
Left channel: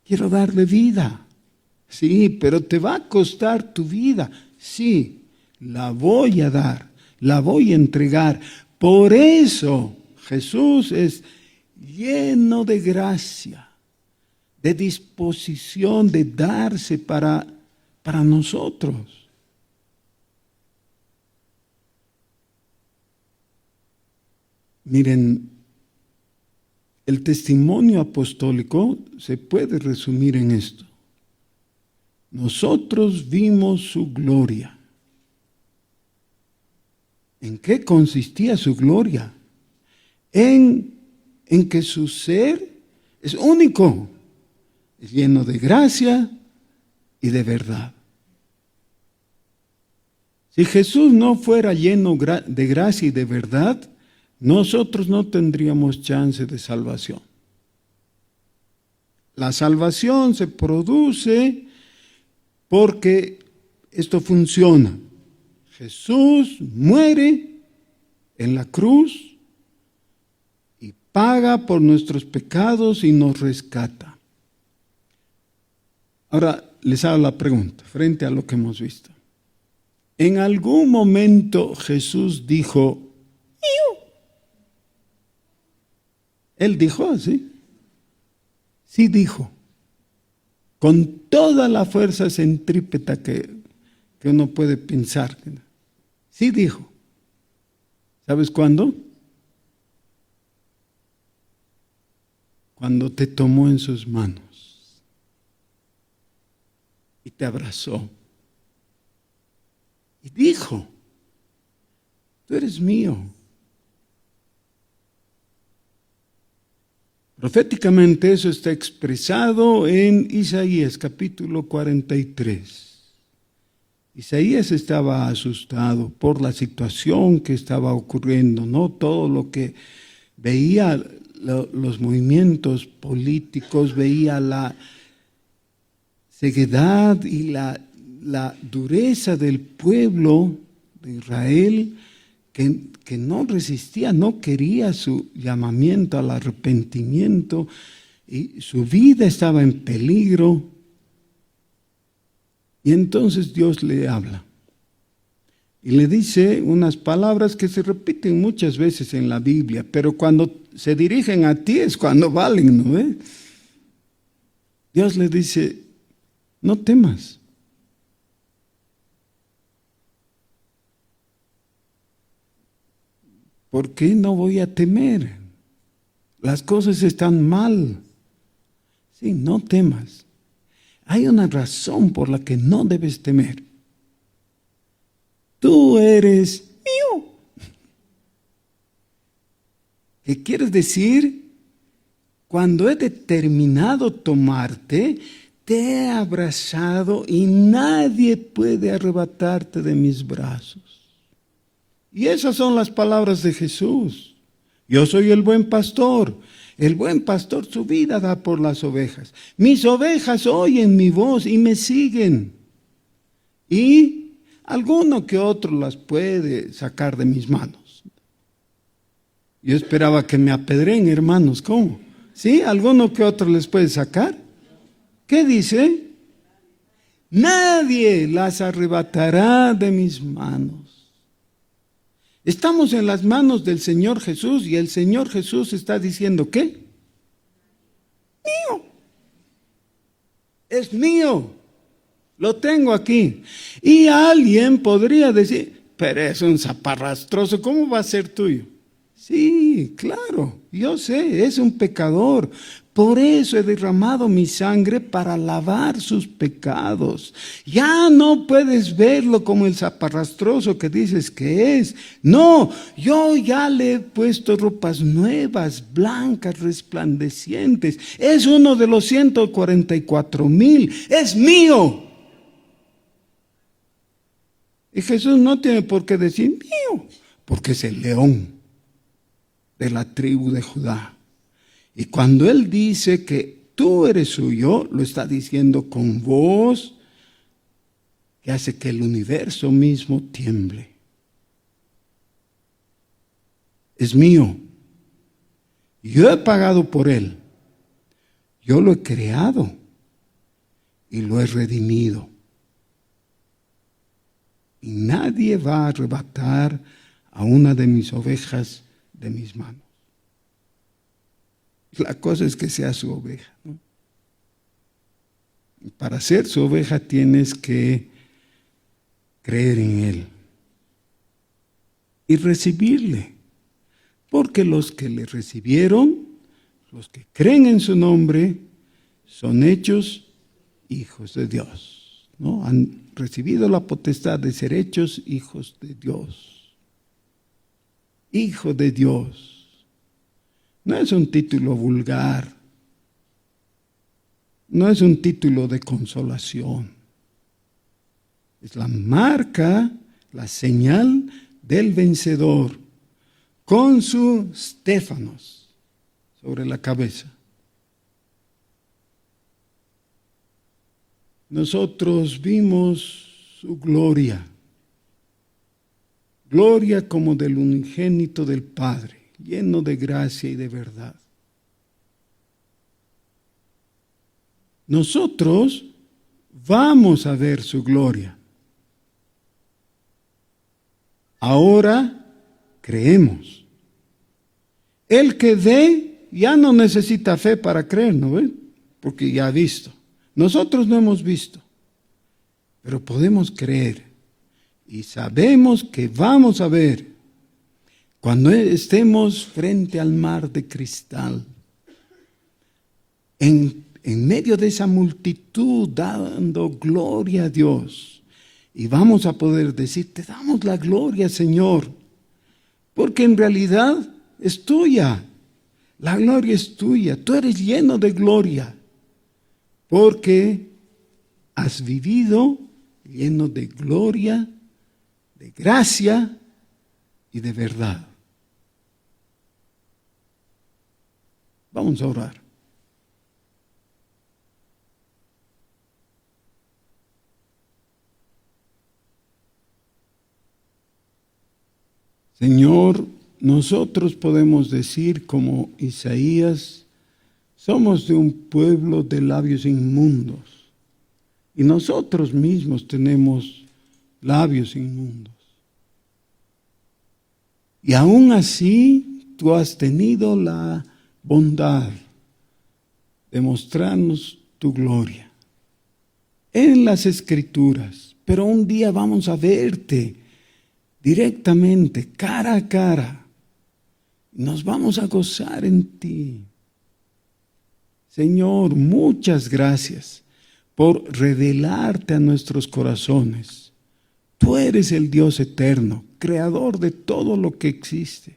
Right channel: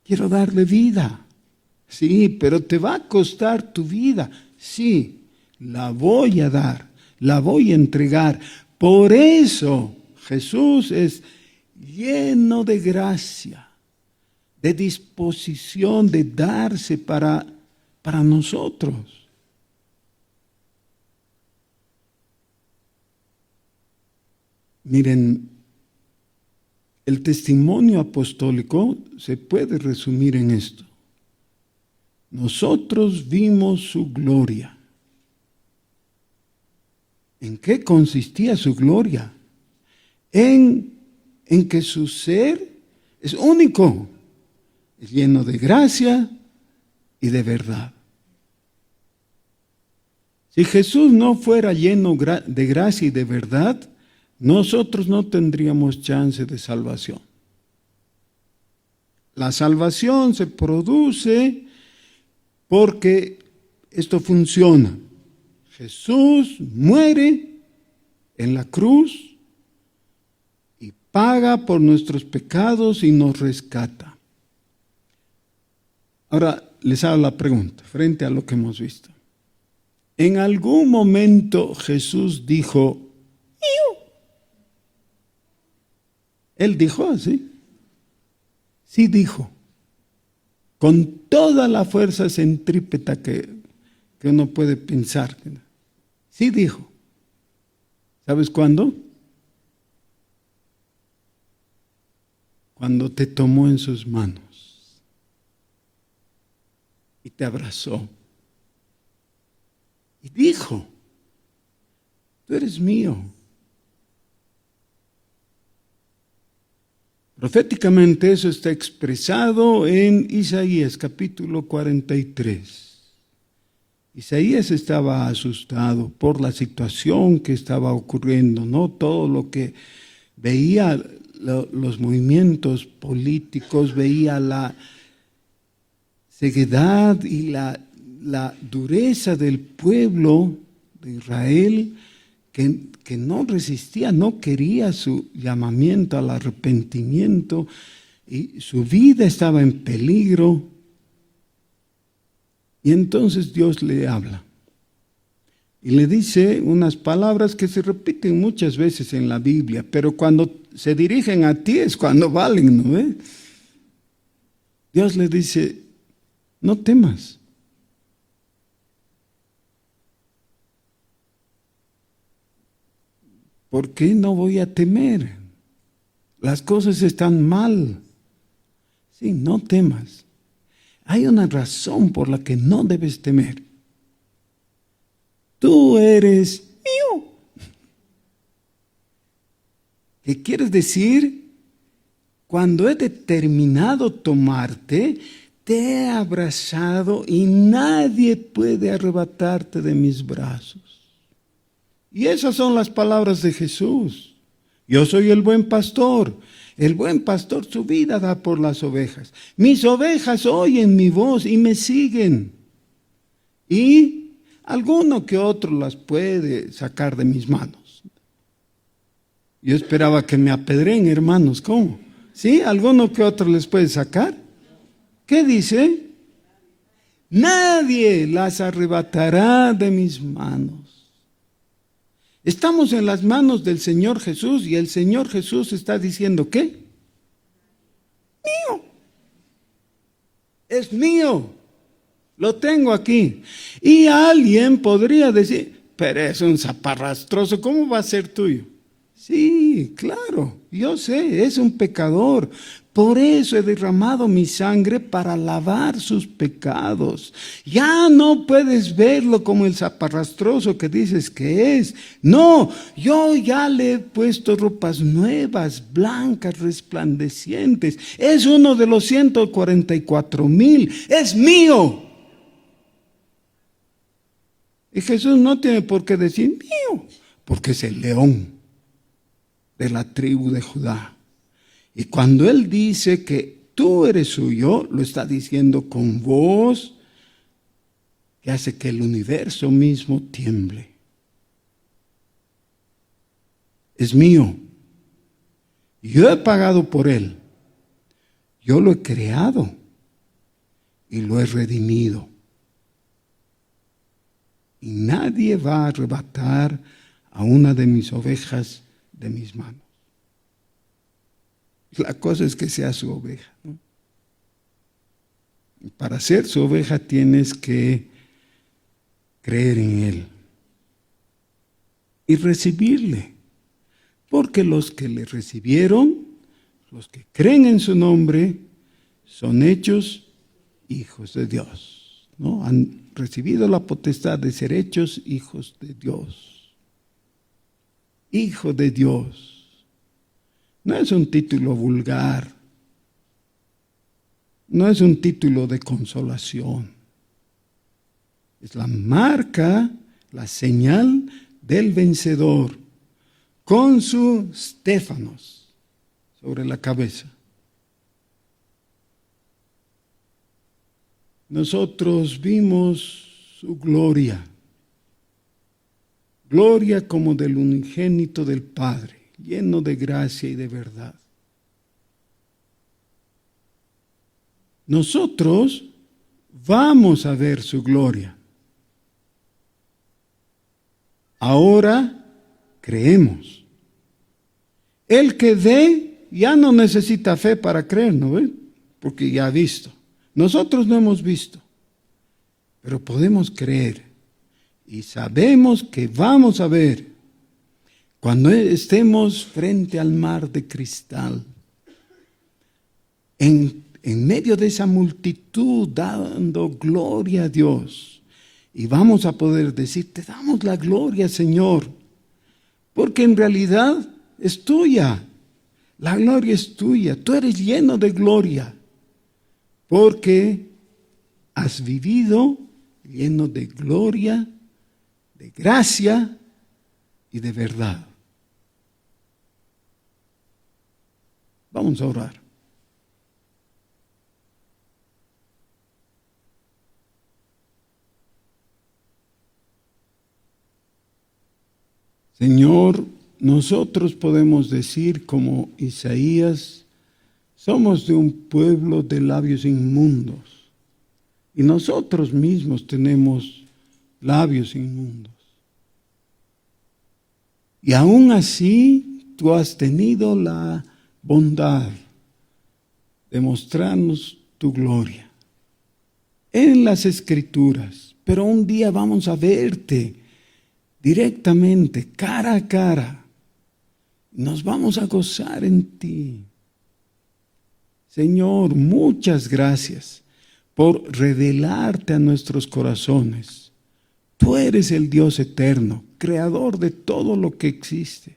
Quiero darle vida. Sí, pero te va a costar tu vida. Sí, la voy a dar, la voy a entregar. Por eso Jesús es lleno de gracia, de disposición de darse para nosotros. Miren, el testimonio apostólico se puede resumir en esto. Nosotros vimos su gloria. ¿En qué consistía su gloria? En que su ser es único, es lleno de gracia y de verdad. Si Jesús no fuera lleno de gracia y de verdad, nosotros no tendríamos chance de salvación. La salvación se produce porque esto funciona. Jesús muere en la cruz y paga por nuestros pecados y nos rescata. Ahora les hago la pregunta frente a lo que hemos visto. ¿En algún momento Jesús dijo, "Mío"? Él dijo así. Sí dijo. Con toda la fuerza centrípeta que uno puede pensar. Sí dijo. ¿Sabes cuándo? Cuando te tomó en sus manos y te abrazó. Y dijo, tú eres mío. Proféticamente eso está expresado en Isaías capítulo 43. Isaías estaba asustado por la situación que estaba ocurriendo, ¿no? Todo lo que veía, los movimientos políticos, veía la ceguedad y la dureza del pueblo de Israel que no resistía, no quería su llamamiento al arrepentimiento y su vida estaba en peligro. Y entonces Dios le habla y le dice unas palabras que se repiten muchas veces en la Biblia, pero cuando se dirigen a ti es cuando valen, ¿no? Dios le dice, no temas. ¿Por qué no voy a temer? Las cosas están mal. Sí, no temas. Hay una razón por la que no debes temer. Tú eres mío. ¿Qué quieres decir? Cuando he determinado tomarte, te he abrazado y nadie puede arrebatarte de mis brazos. Y esas son las palabras de Jesús. Yo soy el buen pastor. El buen pastor su vida da por las ovejas. Mis ovejas oyen mi voz y me siguen. Y alguno que otro las puede sacar de mis manos. Yo esperaba que me apedreen, hermanos. ¿Cómo? ¿Sí? ¿Alguno que otro les puede sacar? ¿Qué dice? Nadie las arrebatará de mis manos. Estamos en las manos del Señor Jesús y el Señor Jesús está diciendo, ¿qué? Mío. Es mío. Lo tengo aquí. Y alguien podría decir, pero es un zaparrastroso, ¿cómo va a ser tuyo? Sí, claro, yo sé, es un pecador. Por eso he derramado mi sangre para lavar sus pecados. Ya no puedes verlo como el zaparrastroso que dices que es. No, yo ya le he puesto ropas nuevas, blancas, resplandecientes. Es uno de los 144,000. Es mío. Y Jesús no tiene por qué decir mío, porque es el león de la tribu de Judá. Y cuando Él dice que tú eres suyo, lo está diciendo con voz que hace que el universo mismo tiemble. es mío. Yo he pagado por él. Yo lo he creado y lo he redimido. Y nadie va a arrebatar a una de mis ovejas de mis manos. La cosa es que sea su oveja, ¿no? Para ser su oveja tienes que creer en él y recibirle. Porque los que le recibieron, los que creen en su nombre, son hechos hijos de Dios, ¿no? Han recibido la potestad de ser hechos hijos de Dios. Hijo de Dios. No es un título vulgar. No es un título de consolación. Es la marca, la señal del vencedor, con su Stéfanos sobre la cabeza. Nosotros vimos su gloria, gloria como del unigénito del Padre, lleno de gracia y de verdad. Nosotros vamos a ver su gloria. Ahora creemos. El que ve ya no necesita fe para creer, ¿no ven? Porque ya ha visto. Nosotros no hemos visto, pero podemos creer y sabemos que vamos a ver cuando estemos frente al mar de cristal, en medio de esa multitud dando gloria a Dios, y vamos a poder decir, te damos la gloria, Señor, porque en realidad es tuya, la gloria es tuya, tú eres lleno de gloria, porque has vivido lleno de gloria, de gracia y de verdad. Vamos a orar. Señor, nosotros podemos decir como Isaías, somos de un pueblo de labios inmundos y nosotros mismos tenemos labios inmundos. Y aún así tú has tenido la bondad de mostrarnos tu gloria en las Escrituras, pero un día vamos a verte directamente, cara a cara. Nos vamos a gozar en ti. Señor, muchas gracias por revelarte a nuestros corazones. Tú eres el Dios eterno, creador de todo lo que existe.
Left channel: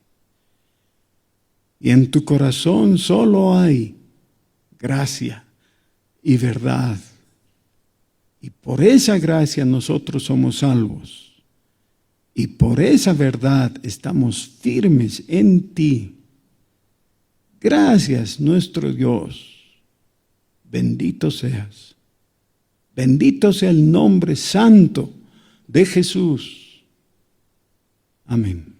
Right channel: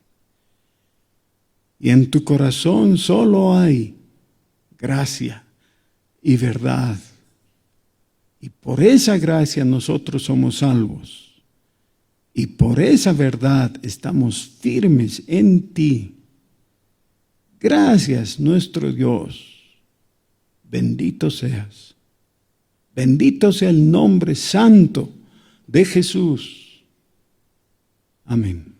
Y en tu corazón solo hay gracia y verdad. Y por esa gracia nosotros somos salvos. Y por esa verdad estamos firmes en ti. Gracias, nuestro Dios. Bendito seas. Bendito sea el nombre santo de Jesús. Amén.